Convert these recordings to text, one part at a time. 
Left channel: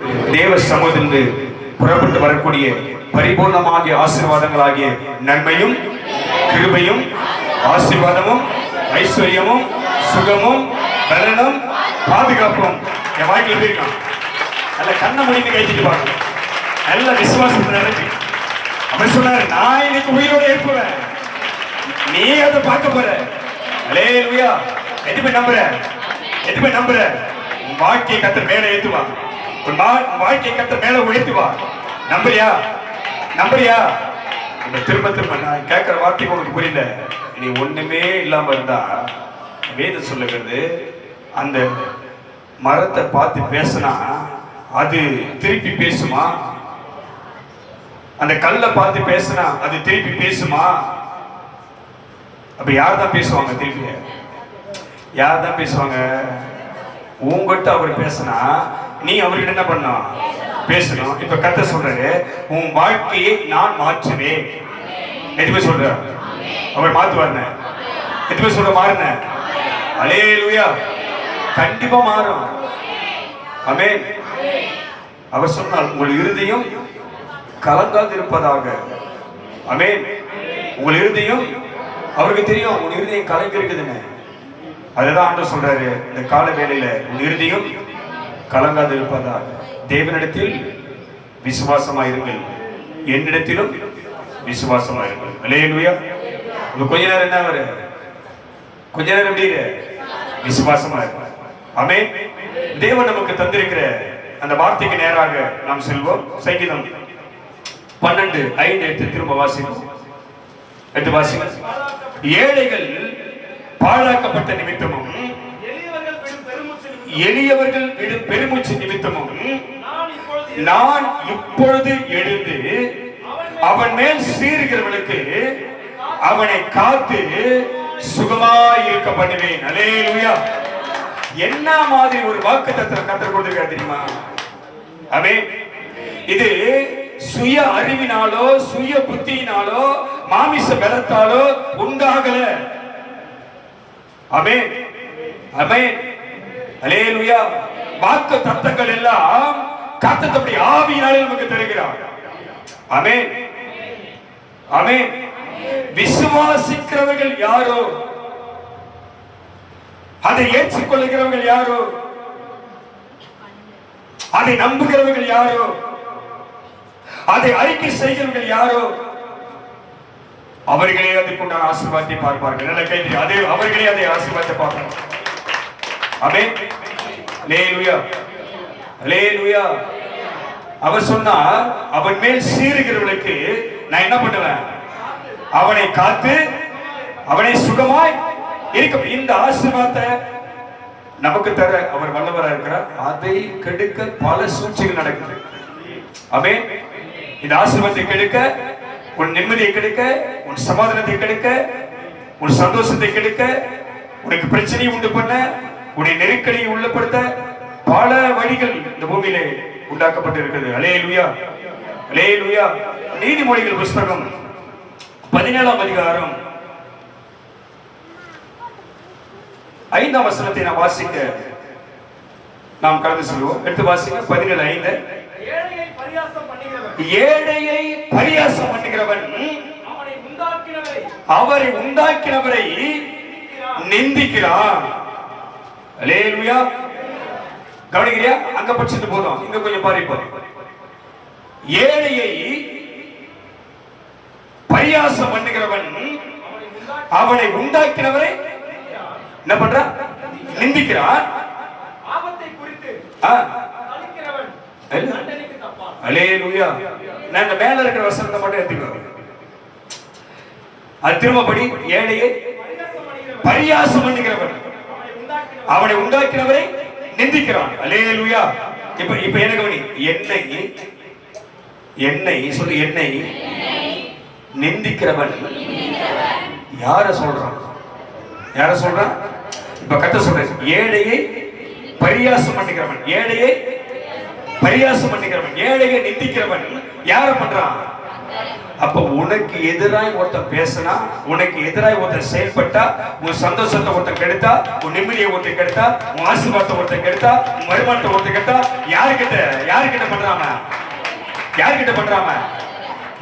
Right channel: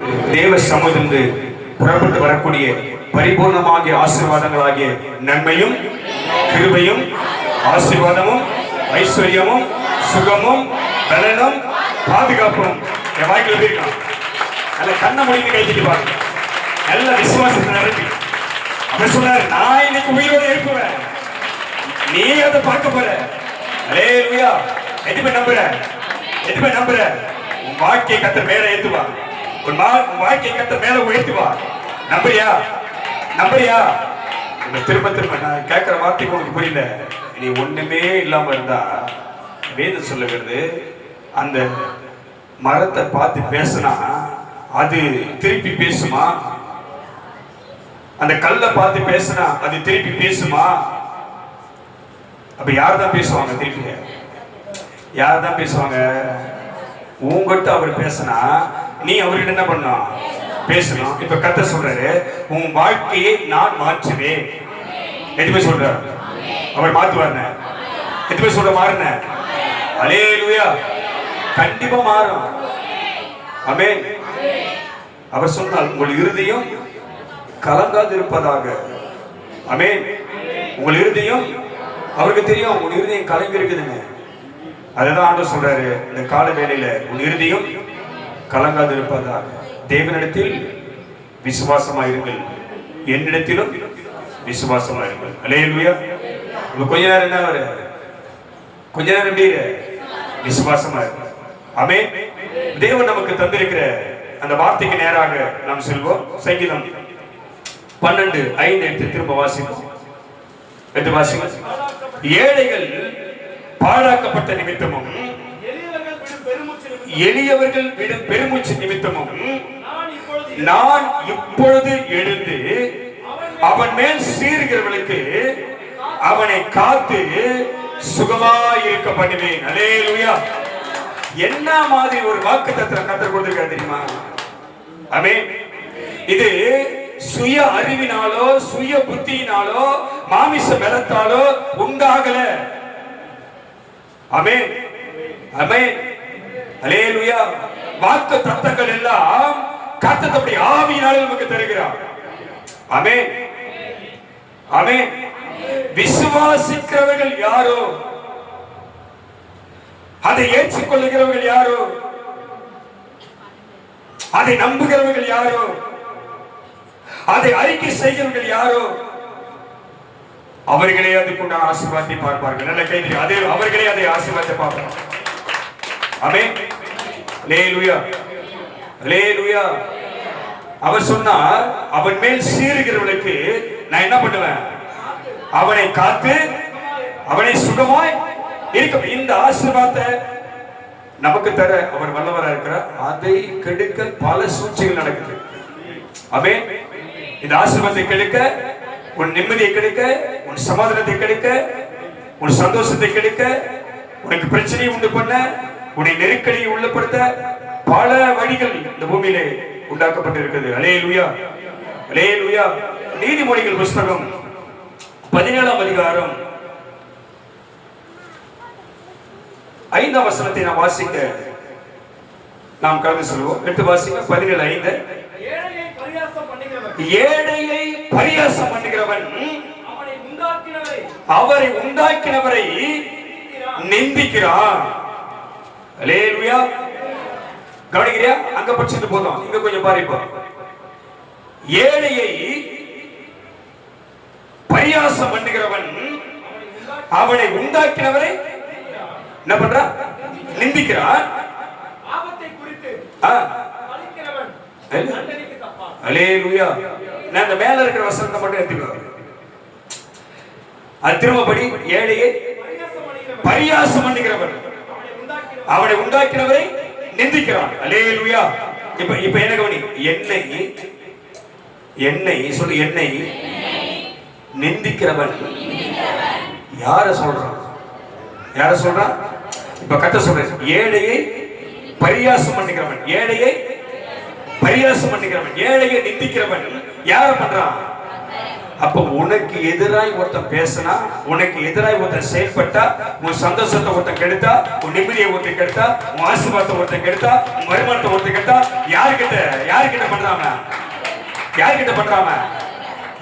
தேவ சமூகத்திலிருந்து புறப்பட்டு வரக்கூடிய பரிபூர்ணமாகிய ஆசீர்வாதங்களாகிய நன்மையும் கிருபையும் ஆசீர்வாதமும் ஐஸ்வர்யமும் சுகமும் பலனும் பாதுகாப்பும் என் வாய்க்கு எழுதியிருக்கான். நல்ல கண்ணை முடிந்து கைத்திட்டு பாருங்க. நல்ல விசுவாசத்தை நிரப்பி அவன் சொன்னார், நான் இன்னைக்கு உயிரோடு எழுப்புவேன், நீ அதை பார்க்க போற. அல்லேலூயா. எதுவுமே நம்புற, எதுவுமே நம்புற. உன் வாழ்க்கையை கர்த்தர் மேல ஏத்துவா, உன் வாழ்க்கையை கர்த்தர் மேல உயர்த்துவா. நம்புறியா? நம்புறியா? திரும்ப திரும்ப நான் கேட்கிற வார்த்தை உனக்கு புரியல. நீ ஒண்ணுமே இல்லாம இருந்தா வேதம் சொல்லுகிறது, அந்த மரத்தை பார்த்து பேசினா அது திருப்பி பேசுமா? அந்த கல்லை பார்த்து பேசினா அது திருப்பி பேசுமா? அப்ப யார் தான் பேசுவாங்க? திருப்பி யார் தான் பேசுவாங்க? உங்ககிட்ட அவர் பேசினா நீ அவர்கிட்ட என்ன பண்ண பேசணும். இப்ப கர்த்தர் சொல்றாரு, உன் வாழ்க்கையை நான் மாற்றுவேன். எதுவுமே சொல்ற அவர் மாத்துவார். எதுவுமே சொல்ற மாறுன. அல்லேலூயா. கண்டிப்பா மாறும். ஆமென். அவர் சொன்னால் உங்கள் இருதயம் கலங்காது இருப்பதாக. ஆமென். உங்கள் இருதயம், அவருக்கு தெரியும் உங்கள் இருதயம் கலங்கி இருக்குதுன்னு. அதுதான் ஆண்டவர் சொல்றாரு இந்த கால வேளையில, உன் இருதயம் கலங்காது இருப்பதாக. தேவனிடத்தில் விசுவாசமாயிருங்கள், என்னிடத்திலும் விசுவாசமாயிருங்கள். அல்லேலூயா. கொஞ்ச நேரம் என்ன வர, கொஞ்ச நேரம் எப்படி விசுவாசமா இருக்கு. ஆமென். தேவன் நமக்கு தந்திருக்கிற அந்த வார்த்தைக்கு நேராக நாம் செல்வோம். சங்கீதம் 12:5 திரும்ப வாசிக்கும். எடுத்து வாசிக்கும். ஏழைகள் பாழாக்கப்பட்ட நிமித்தமும் எளியவர்கள் விடும் பெருமூச்சு நிமித்தமும் நான் இப்பொழுது எழுந்து அவன் மேல் சீறுகிறவர்களுக்கு அவனை காத்து சுகமாய் இருக்க பண்ணுவேன். அல்லேலூயா. என்ன மாதிரி ஒரு வாக்குத்தத்தம் கர்த்தர் கொடுத்திருக்கார் தெரியுமா? ஆமென். இது சுய அறிவினாலோ சுய புத்தியினாலோ மாமிச பலத்தாலோ உண்டாகல. ஆமென். ஆமென். அல்லேலூயா. வாக்கு தத்தங்கள் எல்லாம் கர்த்தர் தம்முடைய ஆவியினாலே நமக்கு தருகிறார். ஆமென். ஆமென். விசுவாசிக்கிறவர்கள் யாரோ, அதை ஏற்றுக்கொள்கிறவர்கள் யாரோ, அதை நம்புகிறவர்கள் யாரோ, அதை அறிக்கை செய்கிறவர்கள் யாரோ, அவர்களே அதுக்குண்டான ஆசீர்வாதத்தை பார்ப்பார்கள். நல்ல கைது. அதே அவர்களே அதை ஆசீர்வாதத்தை பார்ப்பார்கள். ஆமென். அல்லேலூயா. அல்லேலூயா. அவர் சொன்னார், அவன் மேல் சீறுகிறவர்களுக்கு நான் என்ன பண்ணுவேன்? அவனை காத்து அவனை சுகமாய் இருக்க. இந்த ஆசீர்வாதத்தை நமக்கு தர அவர் வல்லவரா இருக்கிறார். அதை கெடுக்க பல சூழ்ச்சிகள் நடக்குது. ஆமென். இந்த ஆசீர்வாதத்தை கெடுக்க, உன் நிம்மதியை கெடுக்க, உன் சமாதானத்தை கெடுக்க, உன் சந்தோஷத்தை கெடுக்க, உனக்கு பிரச்சனையை உண்டு பண்ண, உன்னை நெருக்கடியை உள்ளப்படுத்த பல வழிகள் இந்த பூமியிலே உண்டாக்கப்பட்டு இருக்கிறது. அல்லேலூயா. அல்லேலூயா. நீதிமொழிகள் புஸ்தகம் 17ஆம் அதிகாரம் 5ஆம் வசனத்தை நாம் வாசிக்க நாம் கடந்து செல்வோம். எடுத்து வாசிக்க. 17:5. ஏழையை பரியாசம் பண்ணுகிறவன் அவரை உண்டாக்கினவரை நிந்திக்கிறான். அல்லேலூயா. கவனிக்கிறியா? அங்க படிச்சது போதும், இங்க கொஞ்சம் பாருப்போம். ஏழையை பரியாசம் பண்ணுகிறவன் அவனை உண்டாக்கினவரை என்ன பண்ற? நிந்திக்கிறான். அல்லேலூயா. நான் இந்த மேல இருக்கிற வசனத்தை மட்டும் எடுத்துக்கோ. அது திரும்பபடி, ஏழையை பரியாசம் பண்ணுகிறவன் அவனை உண்டாக்கினவரை நிந்திக்கிறான். அல்லேலூயா. இப்ப என்ன கவனி. என்னை சொல்லு. என்னை நிந்திக்கிறவன் யார சொல்றான்? யார சொல்றான்? இப்ப கர்த்தர் சொல்ற, ஏழையை பரியாசம் பண்ணுகிறவன், ஏழையை பரியாசம் பண்ணுகிறவன், ஏழையை நிந்திக்கிறவன் யார பண்றான்? அப்ப உனக்கு எதிராய் ஒருத்தன் பேசினா, உனக்கு எதிராய் ஒருத்தன் செயல்பட்டா, உன் சந்தோஷத்தை ஒருத்தன் கெடுத்தா, உன் நிம்மதியை ஒருத்தன் கெடுத்தா, உன் ஆசீர்வாதத்தை ஒருத்தன் கெடுத்தா, உன் வருமானத்தை ஒருத்தன் கெடுத்தா, யாருக்கிட்ட பண்றாம? யாருக்கிட்ட பண்றாம?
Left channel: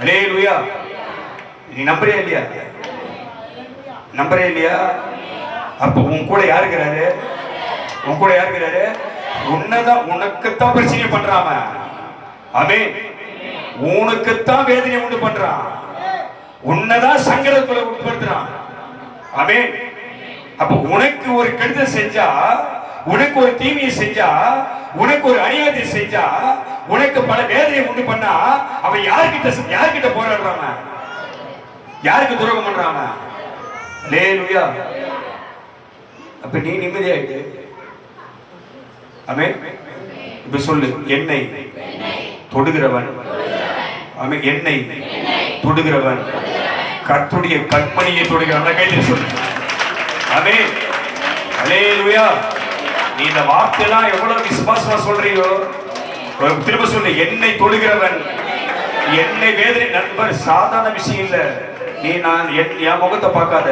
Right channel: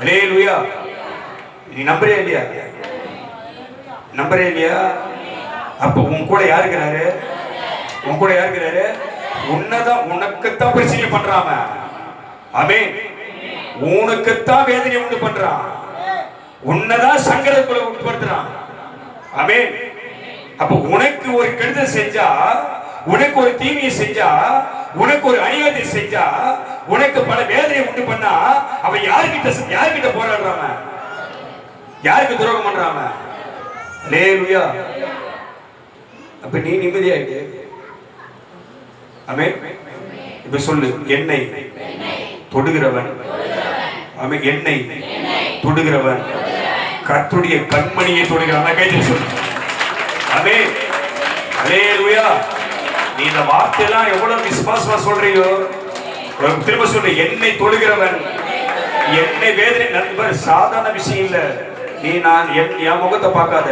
அல்லேலூயா. நீ நம்புறியா இல்லையா? நம்புறியா இல்லையா? அப்ப உன் கூட யாரு இருக்கிறாரு? உன் கூட யாரு இருக்கிறாரு? உன்னதான், உனக்குத்தான் பிரச்சனை பண்றாம. ஆமென். உனக்குத்தான் வேதனை உண்டு பண்றான், உன்னதான் சங்கடத்துக்குள்ள உட்படுத்துறான். ஆமென். அப்ப உனக்கு ஒரு கெடுதல் செஞ்சா, உனக்கு ஒரு தீமையை செஞ்சா, உனக்கு ஒரு அநியாயத்தை செஞ்சா, உனக்கு பல வேதனையை உண்டு பண்ணா, அவன் யார்கிட்ட போராடுறாங்க? யாருக்கு துரோகம் பண்றாங்க? அல்லேலூயா. அப்ப நீ நிம்மதியாயிட்டு. ஆமென். இப்ப சொல்லு, என்னை தொடுகிறவன், ஆமென், என்னை தொடுகிறவன் கர்த்தருடைய கண்மணியை தொடுகிறான். கையில் சொல்லு. ஆமென். அல்லேலூயா. நீ இந்த வார்த்தையெல்லாம் எவ்வளவு விசுவாசமா சொல்றீயோ, திரும்ப சொல்லு, என்னை தொடுகிறவன், என்னை வேதனை. நண்பர், சாதாரண விஷயம் இல்ல. நீ என் முகத்தை பார்க்காத,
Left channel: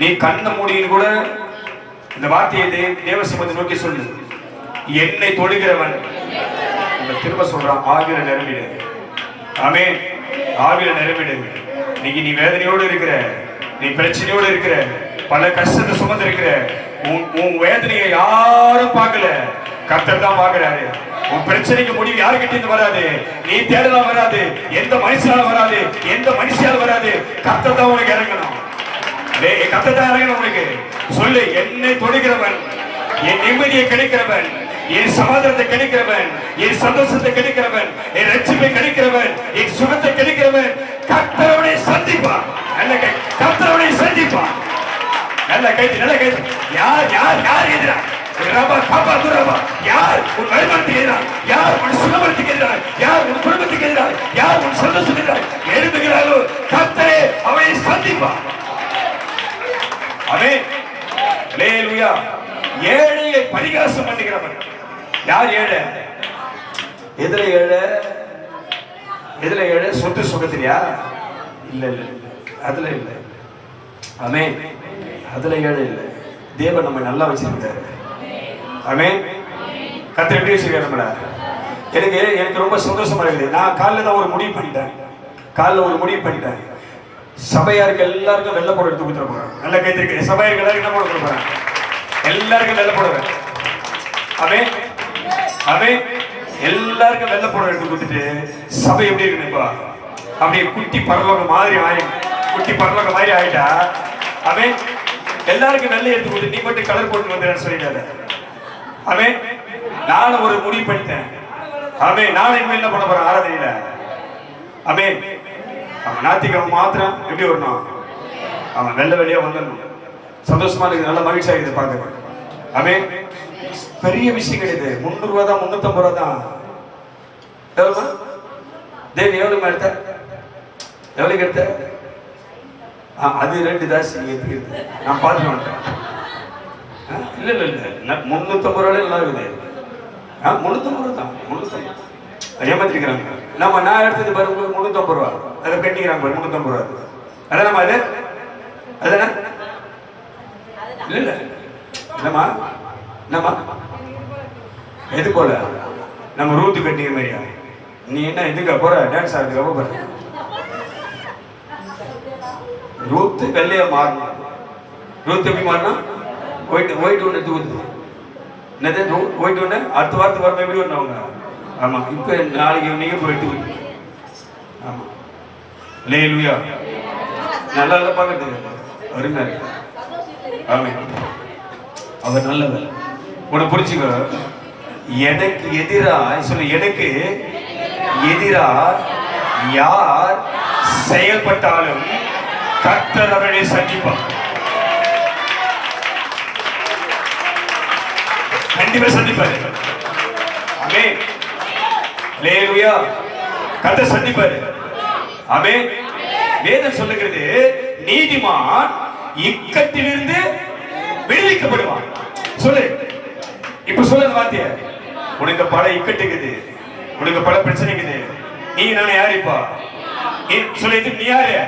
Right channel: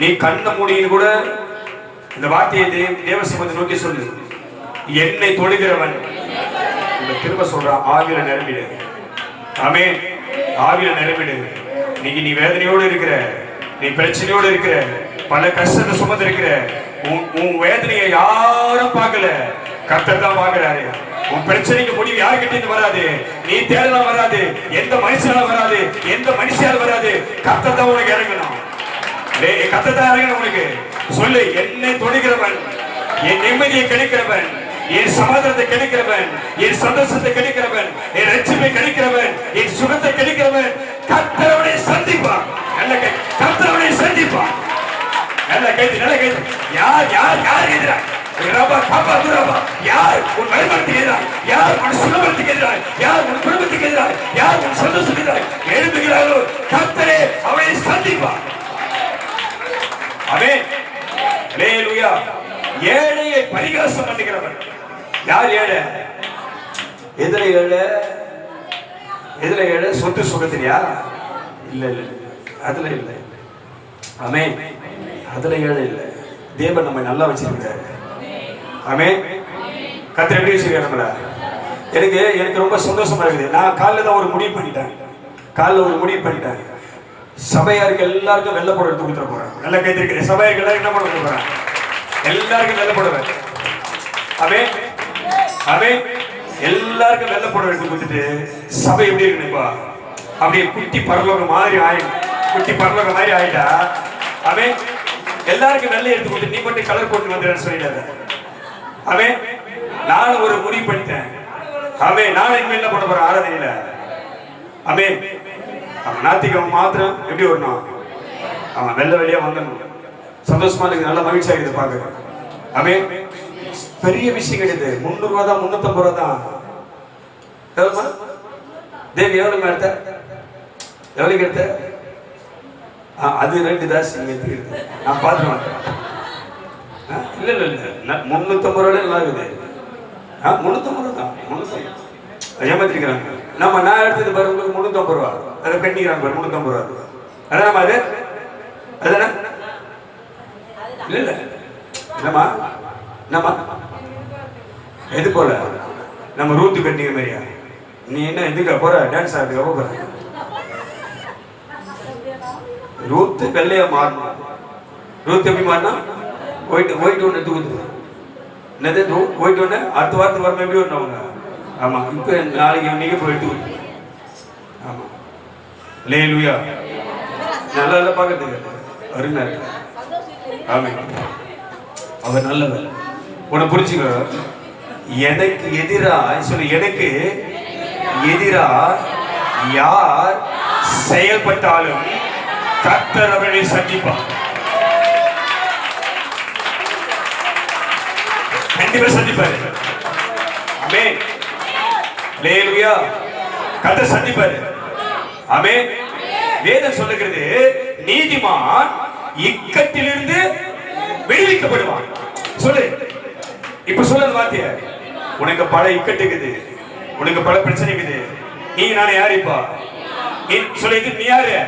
நீ கண்ண முடியும் கூட இந்த வார்த்தையை தேவசமத்தை நோக்கி சொல்லு, என்னை தொடுகிறவன். திரும்ப சொல்றான், ஆவியில நிரம்பிடு. ஆமென். ஆவியில நிரம்பிடு. நீ வேதனையோடு இருக்கிற, நீ பிரச்சனையோடு இருக்கிற, பல கஷ்டத்தை சுமந்து இருக்கிற, உன் வேதனையை யாரும் பார்க்கல, கர்த்தர் தான் பார்க்கிறாரு. உன் பிரச்சனைக்கு முடிவு யாருக்கிட்ட இருந்து வராது, நீ தேடலாம் வராது, எந்த மனுஷனால வராது, எந்த மனுஷால வராது, கர்த்தர் தான் உனக்கு இறங்கணும். கர்த்தர் தான் இறங்கணும் உனக்கு. சொல்லு, என்னை தொடுகிறவன், என் நிம்மதியை கிடைக்கிறவன், என் சமாதானத்தை கிடைக்கிறவன், என் சந்தோஷத்தை கிடைக்கிறவன், என் ரட்சிப்பை கிடைக்கிறவன், என் சுகத்தை கிடைக்கிறவன் கர்த்தரை சந்திப்பான். நல்ல கை, கர்த்தரை சந்திப்பான். நல்ல கை, நல்ல கை. யார் யார் யார் எதிரா? ரபா காபா துரபா. யார் உன் வருமானத்துக்கு எதிராக, யார் உன் சுகத்துக்கு எதிராக, யார் உன் குடும்பத்துக்கு எதிராக, யார் உன் சந்தோஷத்துக்கு எதிராக எழுதுகிறாரோ கர்த்தரே அவனை சந்திப்பான். ஆமென். அல்லேலூயா. ஏழையை பரிகாசம் பண்ணுகிறவன் யார்? ஏழை. எதுல ஏழை? எதுல ஏழை? சொத்து சுகத்திலையா? இல்ல இல்ல, அதுல இல்ல. ஆமென். அதுல ஏழை இல்ல. தேவன் நம்ம நல்லா வச்சிருக்காரு. ஆமென். கர்த்தர் எப்படி வச்சிருக்காருங்களா? எனக்கு ரொம்ப சந்தோஷமா இருக்குது. நான் காலைல தான் ஒரு முடிவு பண்ணிட்டேன். சபையாருக்கு எல்லாருக்கும் வெள்ளை புடவை எடுத்து கொடுத்துட போறேன். நல்ல கைத்திருக்கிறேன். சபையாருக்கு எல்லாரும் என்ன போட போறேன்? எல்லாருக்கும் வெள்ளை புடவை. ஆமென். ஆமென். எல்லாருக்கும் வெள்ளை புடவை எடுத்து கொடுத்துட்டு சபை எப்படி இருக்குப்பா? அப்படியே குட்டி பரலோகம் மாதிரி ஆயிட்டா. ஆமென். எல்லாருக்கும் வெள்ளை எடுத்து கொடுத்து நீ மட்டும் கலர் போட்டு வந்துடுறேன்னு சொல்லிட்டாரு. ஆமென். நானும் ஒரு முடிவு பண்ணிட்டேன். ஆமென். நானும் இனிமேல் என்ன பண்ண போறேன்? ஆராதனையில. ஆமென். அவன் ஞாயிற்றுக்கிழமை மாத்திரம் எப்படி வரணும்? அவன் வெள்ளை வெளியா வந்துடணும். சந்தோஷமா இருக்குது, நல்ல மகிழ்ச்சியா இருக்குது பார்க்க. ஆமென். பெரிய விஷயம் கிடையாது. 300 ரூபா தான், 350 ரூபா தான். தேவி எவ்வளவு எடுத்த? எவ்வளவுக்கு எடுத்த? அது 2 தாசி எடுத்து நான் பார்த்து மாட்டேன். இல்ல இல்ல இல்ல, 350 ரூபாய் நல்லா இருக்குது. 350 ரூபா தான். 350 ஏமாத்திருக்கிறாங்க. நான் எடுத்தது பாரு, 350 ரூபா. அதை கட்டிக்கிறாங்க பாரு, 350 ரூபா. அதானமா அது? அதானே? இல்ல இல்ல இல்லம்மா, என்னம்மா எது போல நம்ம ரூத்து கட்டிய மாதிரியா? நீ என்ன இதுக்கு போற? டான்ஸ் ஆடுறதுக்கு போற? ரூத்து வெள்ளையா மாறணும். ரூத்து எப்படி மாறினா? ஒயிட் ஒன்று எடுத்து கொடுத்து என்னது ஒயிட் ஒன்று அடுத்த வாரத்துக்கு வரணும். எப்படி வரணும் அவங்க? ஆமா, இப்ப நாளைக்கு நீங்க போய் எடுத்து கொடுத்து. ஆமா, அல்லேலூயா. நல்லா இல்லை பார்க்கறதுக்கு அருமையா இருக்கு. ஆமென். அவர் நல்லவர். உன்னை புரிஞ்சுக்க. எனக்கு எதிரா சொல்லு, எனக்கு எதிரா யார் செயல்பட்டாலும் கர்த்தர் அவரை சந்திப்பார். கண்டிப்பா சந்திப்பாரு. ஆமென். அல்லேலூயா. கர்த்தர் சந்திப்பாரு. ஆமென். வேதம் சொல்லுகிறது, நீதிமான் இக்கட்டிலிருந்து விடுவிக்கப்படுவான். சொல்லு, இப்ப சொல்ல வார்த்தைய. உனக்கு பல இக்கட்டு இருக்குது, உனக்கு பல பிரச்சனை இருக்குது. நீங்க நானே யாரிப்பா? சொல்லிட்டு நீ யாரு?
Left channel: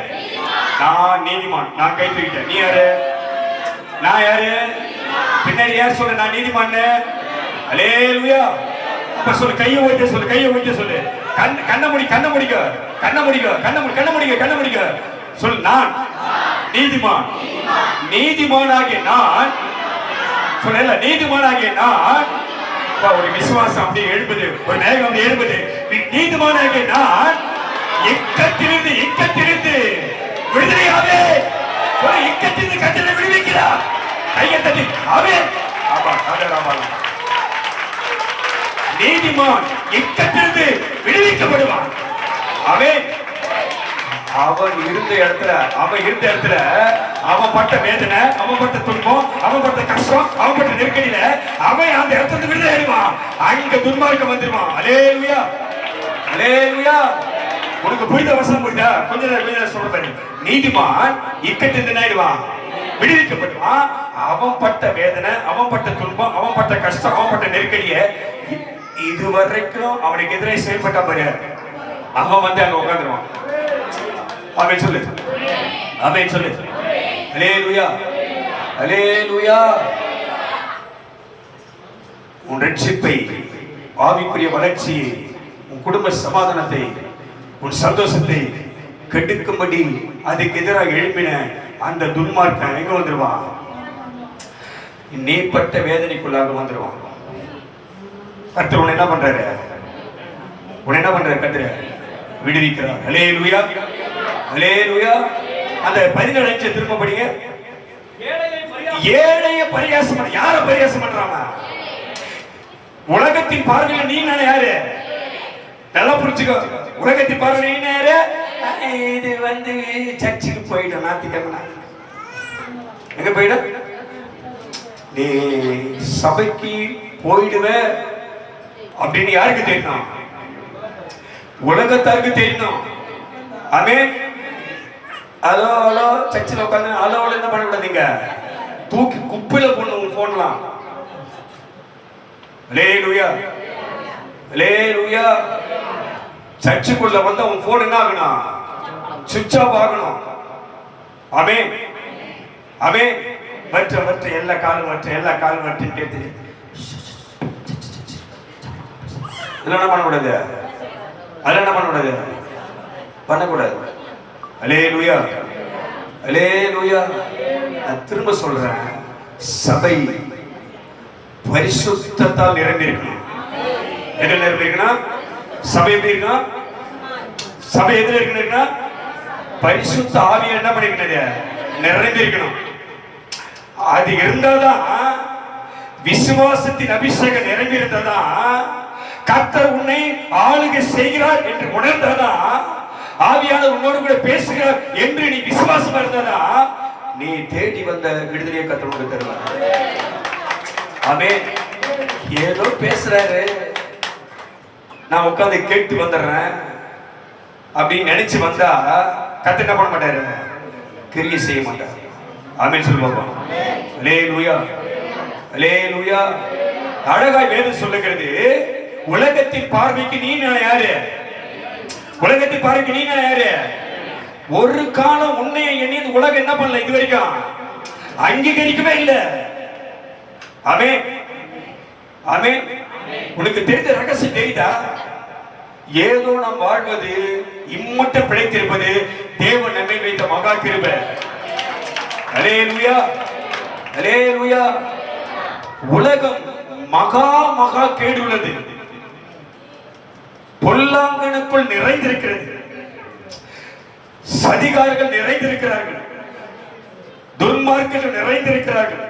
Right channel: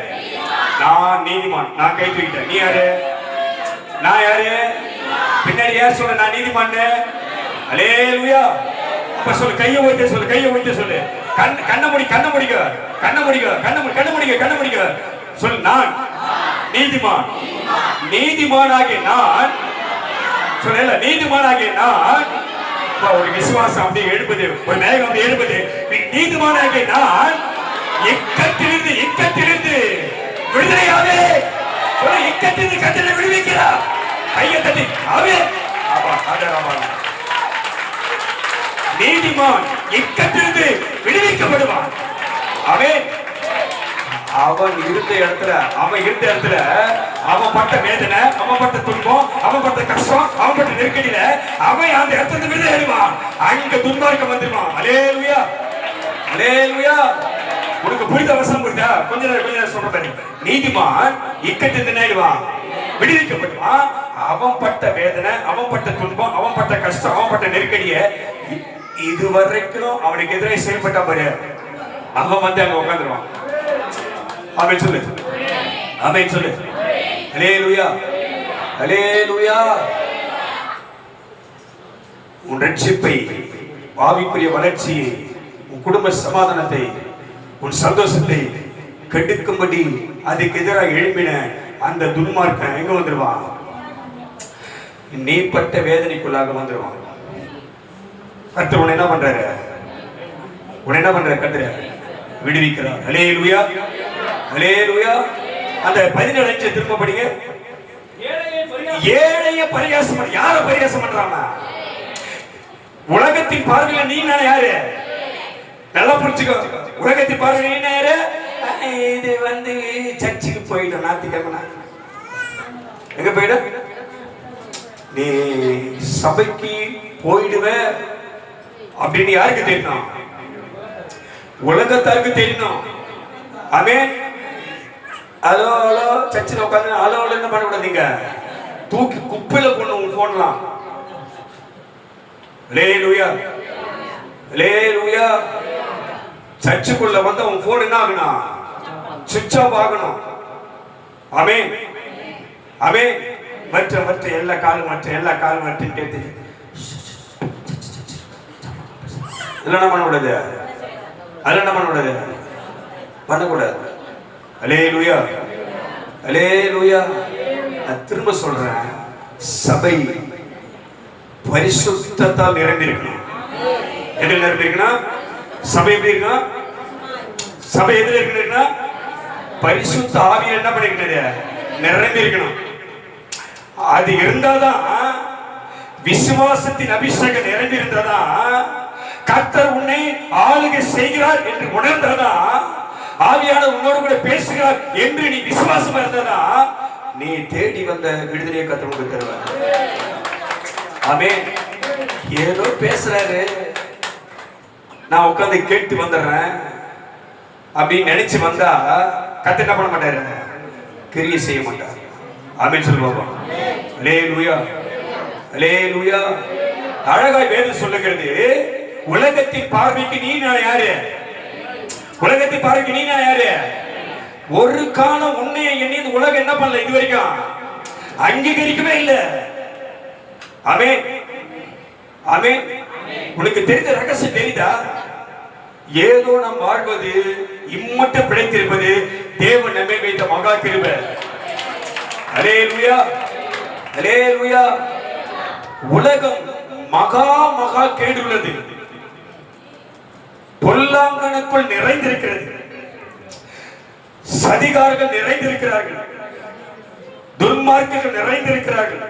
நான் நீதிமான். நான் கை தூக்கிட்டேன். நீ யாரு? நான் யாரு? பின்னாடி யார் சொல்ல நான் நீதிமான்? அல்லேலூயா. அப்ப சொல்லு, கையை வைத்து சொல்லு, கையை வைத்து சொல்லு. கண்ண முடிக்க, கண்ண முடிக்க, கண்ண முடிக்க, கண்ண முடிக்க, கண்ண முடிக்க சொல். நான் நீதிமான். நீதிமானாகிய நான் சொல்ல, நீதிமானாகிய நான். ஒரு விசுவாசம் அப்படியே எழுப்பது, ஒரு மேகம் அப்படியே எழுப்பது. நீதிமானாகிய நான் இக்கத்திலிருந்து விடுதலையாவே. இக்கத்திலிருந்து கட்டளை விடுவிக்கிறார். கையை தட்டி அவே. நீதிமான் இக்கத்திலிருந்து விடுவிக்கப்படுவான். அவன் இருந்த இடத்துல அவன் பட்ட வேதனை, அவன் பட்ட துன்பம், அவன் பட்ட கஷ்டம், அவன் பட்ட நெருக்கடியில அவன் அந்த இடத்துல விடுதலையாடுவான். அங்க துன்மார்க்கம் வந்துருவான். அல்லேலூயா, அல்லேலூயா. உனக்கு புரிந்த வசனம் புரியுதா? கொஞ்ச நேரம் சொல்றேன். நீதிமான் இக்கத்திலிருந்து ஆயிடுவான், விடுவிக்கப்படுவான். அவன் பட்ட வேதனை, அவன் பட்ட துன்பம், அவன் பட்ட கஷ்டம், அவன் பட்ட நெருக்கடிய இதுவரைக்கும் அவனுக்கு எதிரே செயல்பட்ட பாரு, அவன் வந்து அங்க உட்காந்துருவான். ஆமென் சொல்லு, ஆமென் சொல்லு. அல்லேலூயா, அல்லேலூயா. உன் ரட்சிப்பை, ஆவிக்குரிய வளர்ச்சியை, உன் குடும்ப சமாதானத்தை, உன் சந்தோஷத்தை கெடுக்கும்படி அதுக்கு எதிராக எழுப்பின அந்த துன்மார்க்கன் எங்க வந்துருவான்? நீ பட்ட வேதனைக்குள்ளாக வந்துருவான். கர்த்தர் உன்னை என்ன பண்றாரு? கர்த்தர் விடுவிக்கிறார். அல்லேலூயா, அல்லேலூயா. அந்த 17 திரும்ப படிங்க. ஏழைய பரியாசம். யார பரியாசம் பண்றாங்க? உலகத்தின் பார்வையில் நீ நானே யாரு? நல்லா புரிச்சுக்கோ. உலகத்தின் பார்வையில் நீ யாரு? இது வந்து சர்ச்சுக்கு போயிடும். ஞாயிற்றுக்கிழமை எங்க போயிடும்? நீ சபைக்கு போயிடுவ அப்படின்னு யாருக்கு தெரியணும்? உலகத்தாருக்கு தெரியணும். ஆமென். ஹலோ ஹலோ சர்ச்சில் உட்காந்து ஹலோ என்ன பண்ணக்கூடாதீங்க, தூக்கி குப்பையில போடணும் உங்க போன்லாம். அல்லேலூயா, அல்லேலூயா. சர்ச்சுக்குள்ள வந்து உன் போன் என்ன ஆகணும்? சுவிட்ச் ஆஃப் ஆகணும். ஆமென், ஆமென். மற்ற எல்லா காலும் மற்ற இதெல்லாம் பண்ணக்கூடாது, அதெல்லாம் பண்ணக்கூடாது. அல்லேலூயா, அல்லேலூயா. நான் திரும்ப சொல்றேன், சபை பரிசுத்தத்தால் நிரம்பி இருக்கணும். எதில் நிரம்பி இருக்கணும்? சபை எப்படி இருக்கணும்? சபை எதில் இருக்கணும்? பரிசுத்த ஆவியை என்ன பண்ணிக்கணும்? நிரம்பி இருக்கணும். அது இருந்தாதான், விசுவாசத்தின் அபிஷேகம் நிரம்பி இருந்தாதான், கர்த்தர் உன்னை ஆளுகை செய்கிறார் என்று உணர்ந்தாதான், ஆவியானவர் உன்னோடு கூட பேசுகிறார் என்று நீ விசுவாசமா இருந்தா, நீ தேடி வந்த விடுதலையை கர்த்தர் உனக்கு தருவார். ஆமென். ஏதோ பேசுறாரு, நான் உட்கார்ந்து கேட்டு வந்துடுறேன் அப்படின்னு நினைச்சு வந்தா கர்த்தர் என்ன பண்ண மாட்டாரு? கிரியை செய்ய மாட்டார். ஆமென் சொல்லுவோம். அல்லேலூயா, அல்லேலூயா. அழகாய் வேதம் சொல்லுகிறது, உலகத்தின் பார்வைக்கு நீ நான் யாரு? உலகத்தின் பார்வைக்கு நீ நான் யாரு? ஒரு காலம் உன்னை என்னை உலகம் என்ன பண்ணல, இது வரைக்கும் அங்கீகரிக்கவே இல்லை. ஆமென், ஆமென். உனக்கு தெரிந்த ரகசியம் தெரியுதா? ஏதோ நாம் வாழ்வது, இம்மட்டும் பிழைத்திருப்பது தேவன் நம்மை வைத்த மகா கிருபை. அல்லேலூயா, அல்லேலூயா. உலகம் மகா கேடு உள்ளது, பொல்லாங்கனுக்குள் நிறைந்திருக்கிறது, சதிகாரர்கள் நிறைந்திருக்கிறார்கள், துன்மார்க்கர்கள் நிறைந்திருக்கிறார்கள்,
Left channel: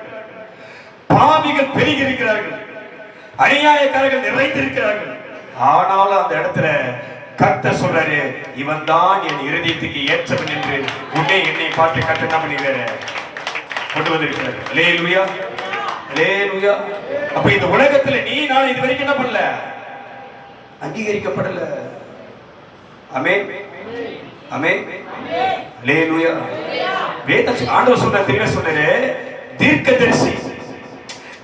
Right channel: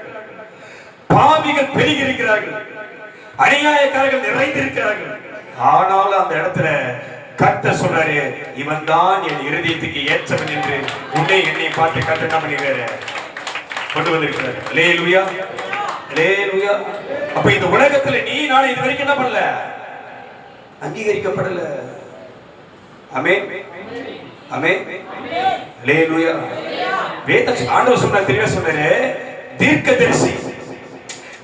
பாவிகள் பெருகி இருக்கிறார்கள், அநியாயக்காரர்கள் நிறைந்திருக்கிறார்கள். ஆனாலும் அந்த இடத்துல கர்த்தர் சொல்றாரு, இவன் தான் என் இருதயத்துக்கு ஏற்றவன் என்று உன்னை என்னை பார்த்து கர்த்தர் என்ன பண்ணிடுறாரு? கொண்டு வந்திருக்கிறார். அல்லேலூயா, அல்லேலூயா. அப்ப இந்த உலகத்துல நீ நான் இது வரைக்கும் என்ன பண்ணல? அங்கீகரிக்கப்படல. ஆமென், ஆமென், அல்லேலூயா. வேதம் ஆண்டவர் சொன்னார், தெளிவா சொன்னாரு, தீர்க்கதரிசி,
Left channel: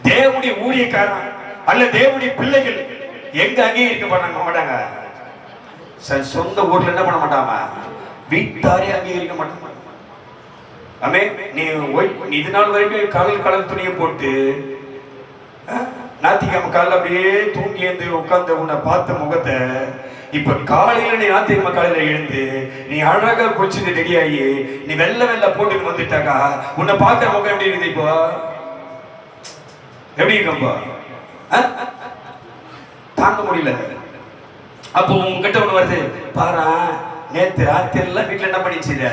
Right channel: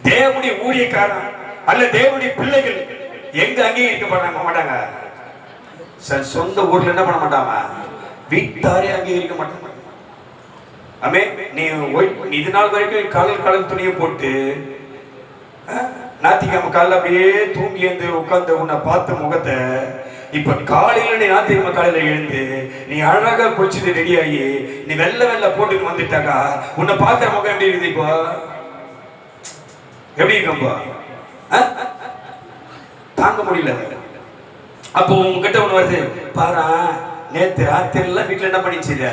தேவனுடைய ஊழியக்காரன் அல்ல தேவனுடைய பிள்ளைகள் எங்க அங்கீகரிக்கப்பட மாட்டாங்க? சொந்த ஊர்ல என்ன பண்ண மாட்டாங்க? வீட்டாரே அங்கீகரிக்க மாட்டாங்க. ஆமே, நீ இது நாள் வரைக்கும் காலல் துணியை போட்டு ஞாயிற்றுக்கிழமை காலையில் அப்படியே தூங்கி எழுந்து உட்கார்ந்து உன்னை பார்த்த முகத்தை இப்ப காலையில நீ ஞாயிற்றுக்கிழமை காலையில எழுந்து நீ அழகா குளிச்சுட்டு ரெடி ஆகி நீ வெள்ள போட்டுட்டு வந்துட்டாக்கா உன்னை பார்க்கிற முகம் எப்படி இருக்குது? இப்போ எப்படி இருக்கும்பா? தாங்க முடியல. அப்போ உங்ககிட்ட ஒண்ணு வருது பாரா, நேத்து ராத்திரில வீட்டுல என்ன பண்ணிச்சுத?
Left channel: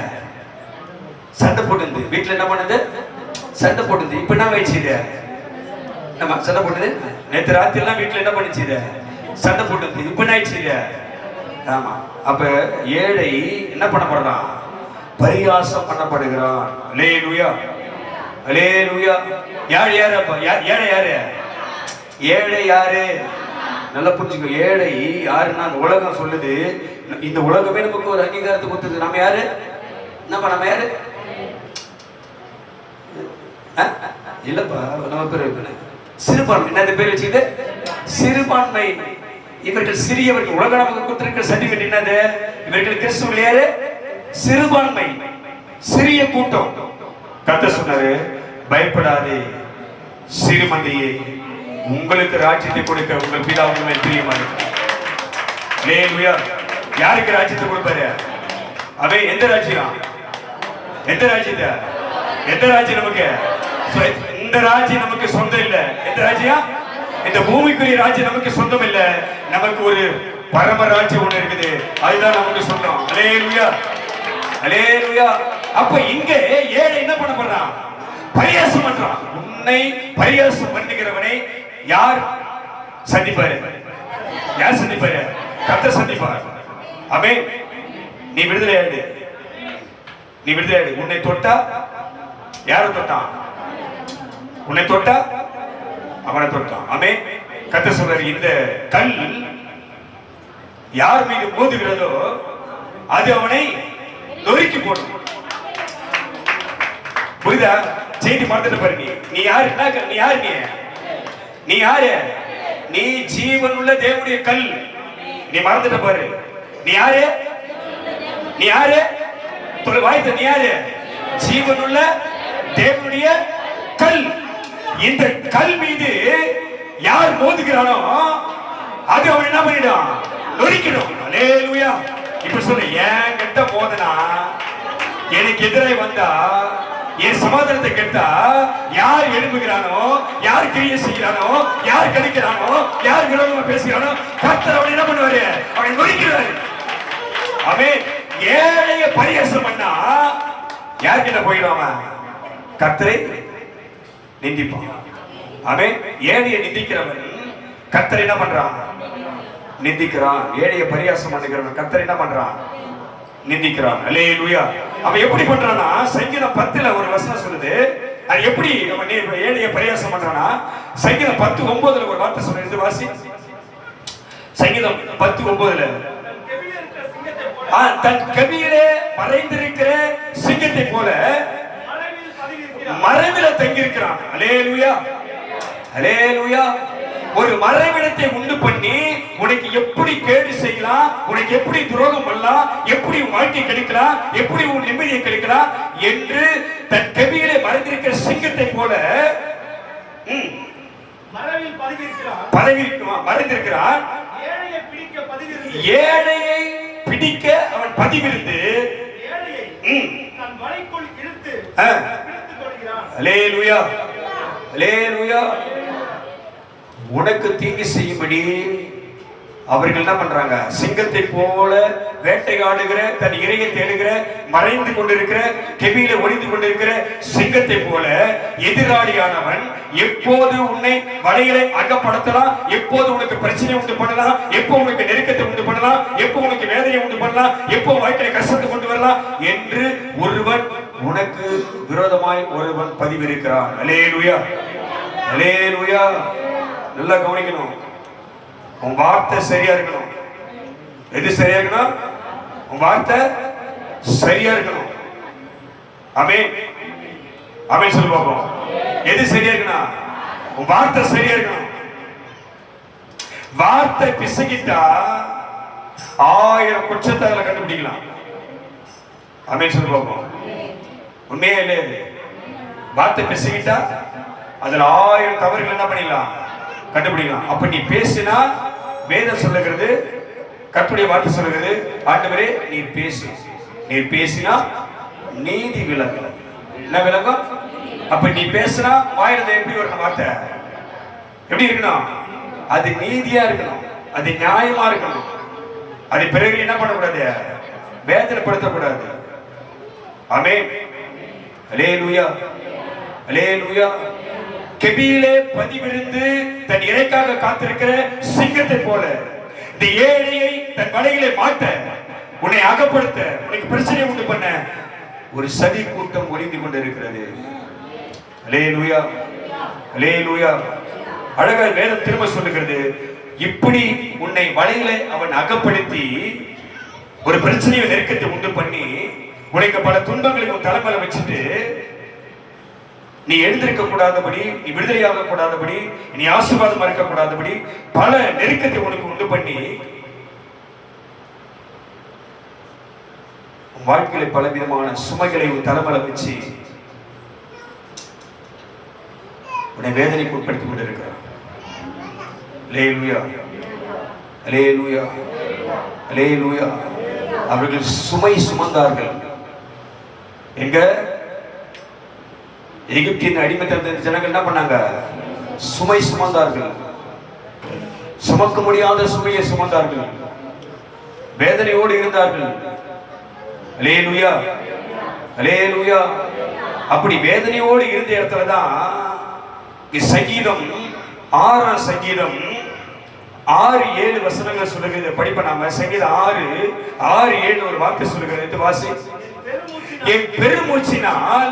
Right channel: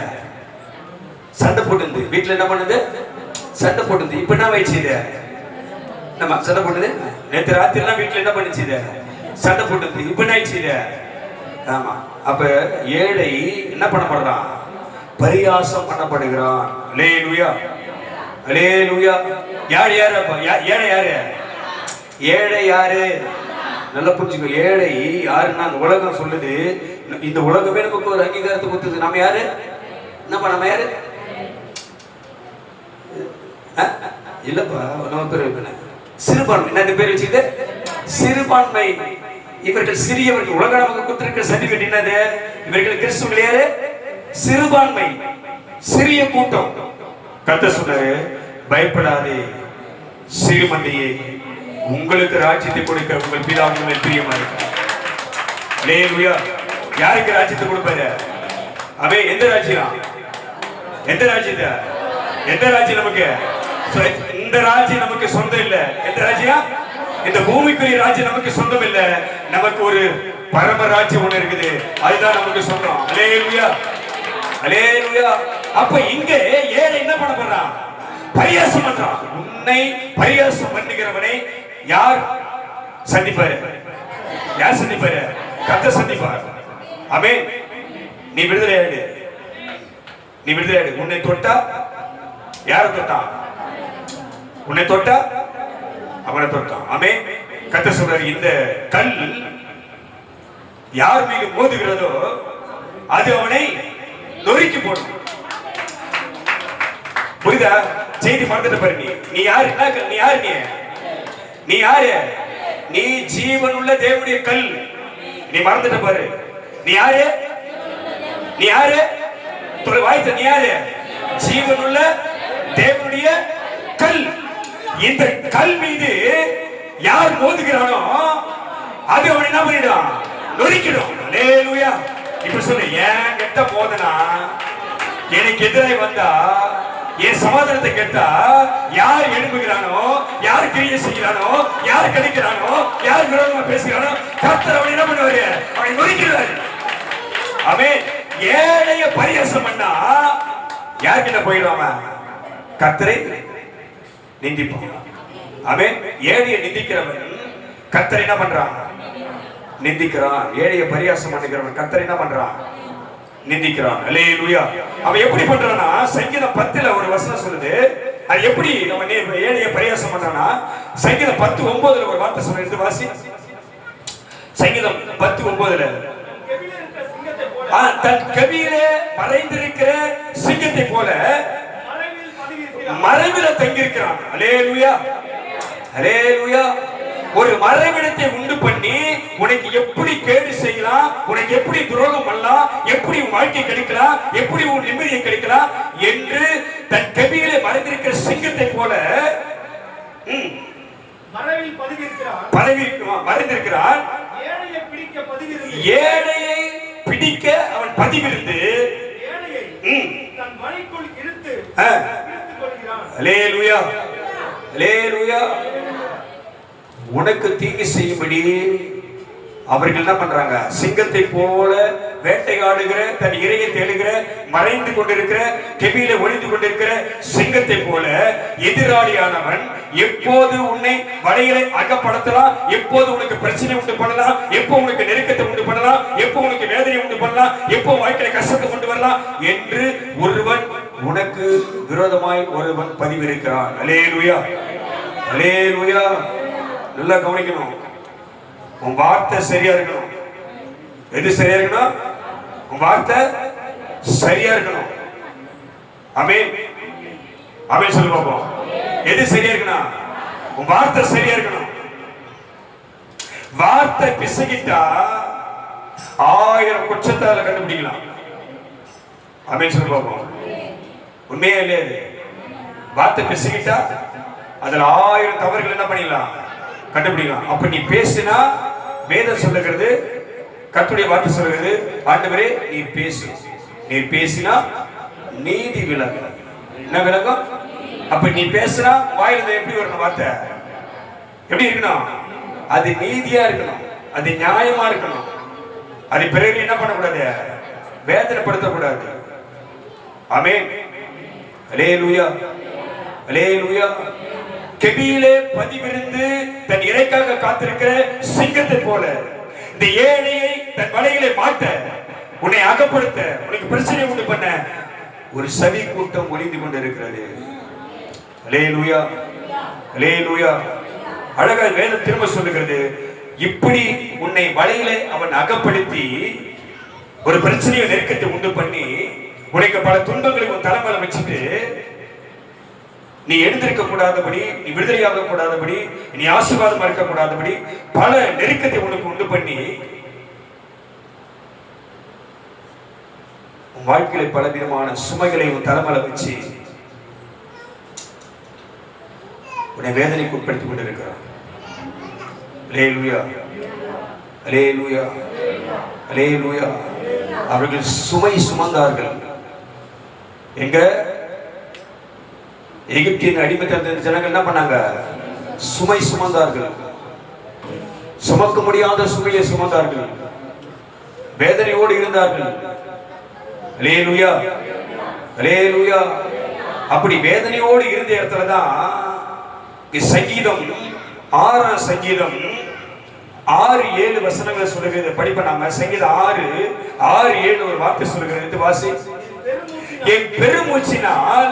சண்டை போட்டுது. வீட்டுல என்ன பண்ணுது? சண்டை போட்டுது. இப்ப என்ன வச்சுது? நம்ம சண்டை போட்டுது. நேத்து ராத்திரிலாம் வீட்டுல என்ன பண்ணிச்சுத? சண்டை போட்டுது. இப்ப என்ன ஆயிடுச்சுத? ஆமா. அப்ப ஏழை என்ன பண்ணப்படுறான்? பரிகாசம் பண்ணப்படுகிறான். அல்லேலூயா, அல்லேலூயா. யார் யாரப்பா? ஏழை யாரு? ஏழை யாரு? நல்லா புரிஞ்சுக்கோ. ஏழை யாருன்னா அந்த உலகம் சொல்லுது. இந்த உலகமே நமக்கு ஒரு அங்கீகாரத்தை கொடுத்தது. நம்ம யாரு? நம்ம யாரு? இல்லப்பா, நம்ம பேர் சிறுபான்மை. என்ன பேர் வச்சுது? சிறுபான்மை. இவர்கள் சிறியவர்கள். உலக நமக்கு கொடுத்திருக்கிற சர்டிபிகேட் என்னது? இவர்கள் கிறிஸ்துவர்கள் யாரு? சிறுபான்மை, சிறிய கூட்டம். கர்த்தர் சொன்னாரு, பயப்படாதே சிறுமந்தையே, உங்களுக்கு ராஜ்யத்தை கொடுக்க உங்கள் பிதா உங்களை பிரியமா இருக்கிறார். அல்லேலூயா. யாருக்கு ராஜ்யத்தை கொடுப்பாரு? அவே எந்த ராஜ்யம்? எந்த ராஜ்யத்தை? எந்த ராஜ்யம் நமக்கு? இந்த ராஜ்யம் நமக்கு சொந்தம் இல்ல. எந்த ராஜ்யம்? இந்த பூமிக்குரிய ராஜ்யம் நமக்கு சொந்தம் இல்ல. நமக்கு ஒரு பரம ராஜ்யம் ஒண்ணு இருக்குது, அதுதான் நமக்கு சொந்தம். அல்லேலூயா, அல்லேலூயா. அப்ப இங்க ஏழை என்ன பண்ண போறான்? பரியாசம் பண்றான். உன்னை பரியாசம் பண்ணுகிறவனை யார் சந்திப்பாரு? யார் சந்திப்பாரு? கர்த்தர் சந்திப்பார். ஆமென். நீ விடுதலையாடு, நீ விடுதலையாடு. உன்னை தொட்டா யாரை தொட்டான்? உன்னை தொட்டா அவனை தொட்டான். ஆமென். கர்த்தர் சொல்றாரு, இந்த கல் யார் மீது மோதுகிறதோ அது அவனை நொறுக்கி போடும். புரியுதா? செய்தி மறந்துட்டு பாரு. நீ யாரு? நீ யாரு? நீ யாரு? நீ ஜீவன் உள்ள தேவனுடைய கல். நீ மறந்துட்டு பாரு. நீ யாரு? நீ யாரு? தொலை வாய்த்த. நீ யாரு? ஜீவன் உள்ள தேவனுடைய கல். இந்த கல் மீது யார் மோதுகிறானோ அது அவன் என்ன பண்ணிடும்? நொறுக்கிடும். அல்லேலூயா. இப்ப சொல்லு, ஏன் கிட்ட மோதனா, எனக்கு எதிராக வந்தா, என் சமாதானத்தை கேட்டா யார் எழுப்புகிறானோ, யார் கிரியை செய்கிறானோ, யார் கடிக்கிறானோ, யார் விரோதமா பேசுகிறானோ கர்த்தர் அவன் என்ன பண்ணுவாரு? அவனை நொறுக்கிறாரு. அவன் ஏழைய பரியாசம் பண்ணா யார்கிட்ட போயிடுவான்? கர்த்தரை நிந்திப்பான். அவன் ஏழையை நிந்திக்கிறவன் கர்த்தரை என்ன பண்றான்? நிந்திக்கிறான். ஏழைய பரியாசம் பண்ணுகிறவன் கர்த்தரை என்ன பண்றான்? நிந்திக்கிறான். அல்லேலூயா. அவன் எப்படி பண்றானா? சங்கீதம் 10ல ஒரு வசனம் சொல்லுது. அது எப்படி அவன் ஏழைய பரியாசம் பண்றானா? சங்கீதம் 10:9ல ஒரு வார்த்தை சொல்லுது. வாசி. சங்கீதம் 10:9ல தன் கவியிலே மறைந்திருக்கிற சிங்கத்தை போல மறைவில தங்கியிருக்கிறான். அல்லேலூயா, அல்லேலூயா. ஒரு மறைவிடத்தை உண்டு பண்ணி உனக்கு எப்படி கேடு செய்யலாம், உனக்கு எப்படி துரோகம் பண்ணலாம், எப்படி உன் வாழ்க்கை கிடைக்கலாம், எப்படி உன் நிம்மதியை கிடைக்கலாம் என்று தன் கவியிலே மறைந்திருக்கிற சிங்கத்தை போல மறைந்திருக்கிறான். ஏழையை பிடிக்க அவன் பதிவிருந்து அல்லேலூயா, அல்லேலூயா. உனக்கு தீங்கு செய்யும்படி அவர்கள் என்ன பண்றாங்க? சிங்கத்தை போல வேட்டையாடுகிற, தன் இரையை தேடுகிற, மறைந்து கொண்டிருக்கிற, கெபியில ஒளிந்து கொண்டிருக்கிற சிங்கத்தை போல எதிராளியானவன் எப்போது உன்னை வலையில அகப்படுத்தலாம், எப்போது உனக்கு பிரச்சனை உண்டு பண்ணலாம், எப்போ உனக்கு நெருக்கத்தை உண்டு பண்ணலாம், எப்போ உனக்கு வேதனையை உண்டு பண்ணலாம், எப்போ வாழ்க்கையை கஷ்டத்தை கொண்டு வரலாம் என்று ஒருவன் உனக்கு விரோதமாய் ஒருவன் பதிவிருக்கிறான். அல்லேலூயா, அல்லேலூயா. நல்லா கவனிக்கணும். உன் வார்த்தை சரியா இருக்கணும். எது சரியா இருக்கணும்? உன் வார்த்தை சரியா இருக்கணும். ஆமென், ஆமென் சொல்லு பாப்போம். எது சரியா இருக்கணும்? உன் வார்த்தை சரியா இருக்கணும். வார்த்தை பிசகிட்டா 1000 குற்றத்தை கண்டுபிடிக்கலாம். ஆமென் சொல்லி பார்ப்போம். உண்மையே இல்லையே? வார்த்தை பேசிக்கிட்டா அதுல 1000 தவறுகள் என்ன பண்ணிடலாம், கண்டுபிடிக்கலாம். அப்ப நீ பேசினா வேதம் சொல்லுகிறது, கர்த்தருடைய வார்த்தை சொல்லுகிறது, ஆண்டவரே நீ பேசு, நீ பேசினா நீதி விலகும். என்ன விலகும்? அப்ப நீ பேசினா வாயில எப்படி வரணும் வார்த்தை? எப்படி இருக்கணும்? அது நீதியா இருக்கணும், அது நியாயமா இருக்கணும். அது பிறகு என்ன பண்ணக்கூடாது, வேதனைப்படுத்தக்கூடாது. ஆமென். அல்லேலூயா, அல்லேலூயா. கெபியிலே பதிவிருந்து தன் இறைக்காக காத்திருக்கிற சிங்கத்தை போல இந்த ஏழையை தன் வலையிலே மாட்ட, உன்னை அகப்படுத்த, உனக்கு பிரச்சனை உண்டு பண்ண ஒரு சதி கூட்டம் ஒளிந்து கொண்டிருக்கிறது. அல்லேலூயா, அல்லேலூயா. அழகா வேதம் திரும்ப சொல்லுகிறது, இப்படி உன்னை வலையில அவன் அகப்படுத்தி ஒரு பிரச்சனையை நெருக்கத்தை உண்டு பண்ணி உனக்கு பல துன்பங்களை உன் தலைமையில வச்சுட்டு நீ எழுந்திருக்க கூடாதபடி, நீ விடுதலையாக கூடாதபடி, நீ ஆசீர்வாதம் இருக்க கூடாதபடி பல நெருக்கத்தை உனக்கு உண்டு பண்ணி உன் வாழ்க்கையில பல விதமான சுமைகளை உன் தலைமையில வச்சு உன்னை வேதனைக்கு உட்படுத்திக் கொண்டிருக்கிறார். அல்லேலூயா, அல்லேலூயா, அல்லேலூயா. அவர்கள் சுமை சுமந்தார்கள். எங்க எகிப்தின் அடிமைத்த ஜனங்கள் என்ன பண்ணாங்க? சுமை சுமந்தார்கள். சுமக்க முடியாத சுமையை சுமந்தார்கள், வேதனையோடு இருந்தார்கள். அல்லேலூயா, அல்லேலூயா. அப்படி வேதனையோடு இருந்த இடத்துலதான் சங்கீதம் 6ஆம் சங்கீதம் 6-7 வசனங்களை சொல்லுகிறது. படிப்ப நாம சங்கீதம் 6-7 ஒரு வார்த்தை சொல்லுகிறது. வாசி. என் பெருமூச்சினால்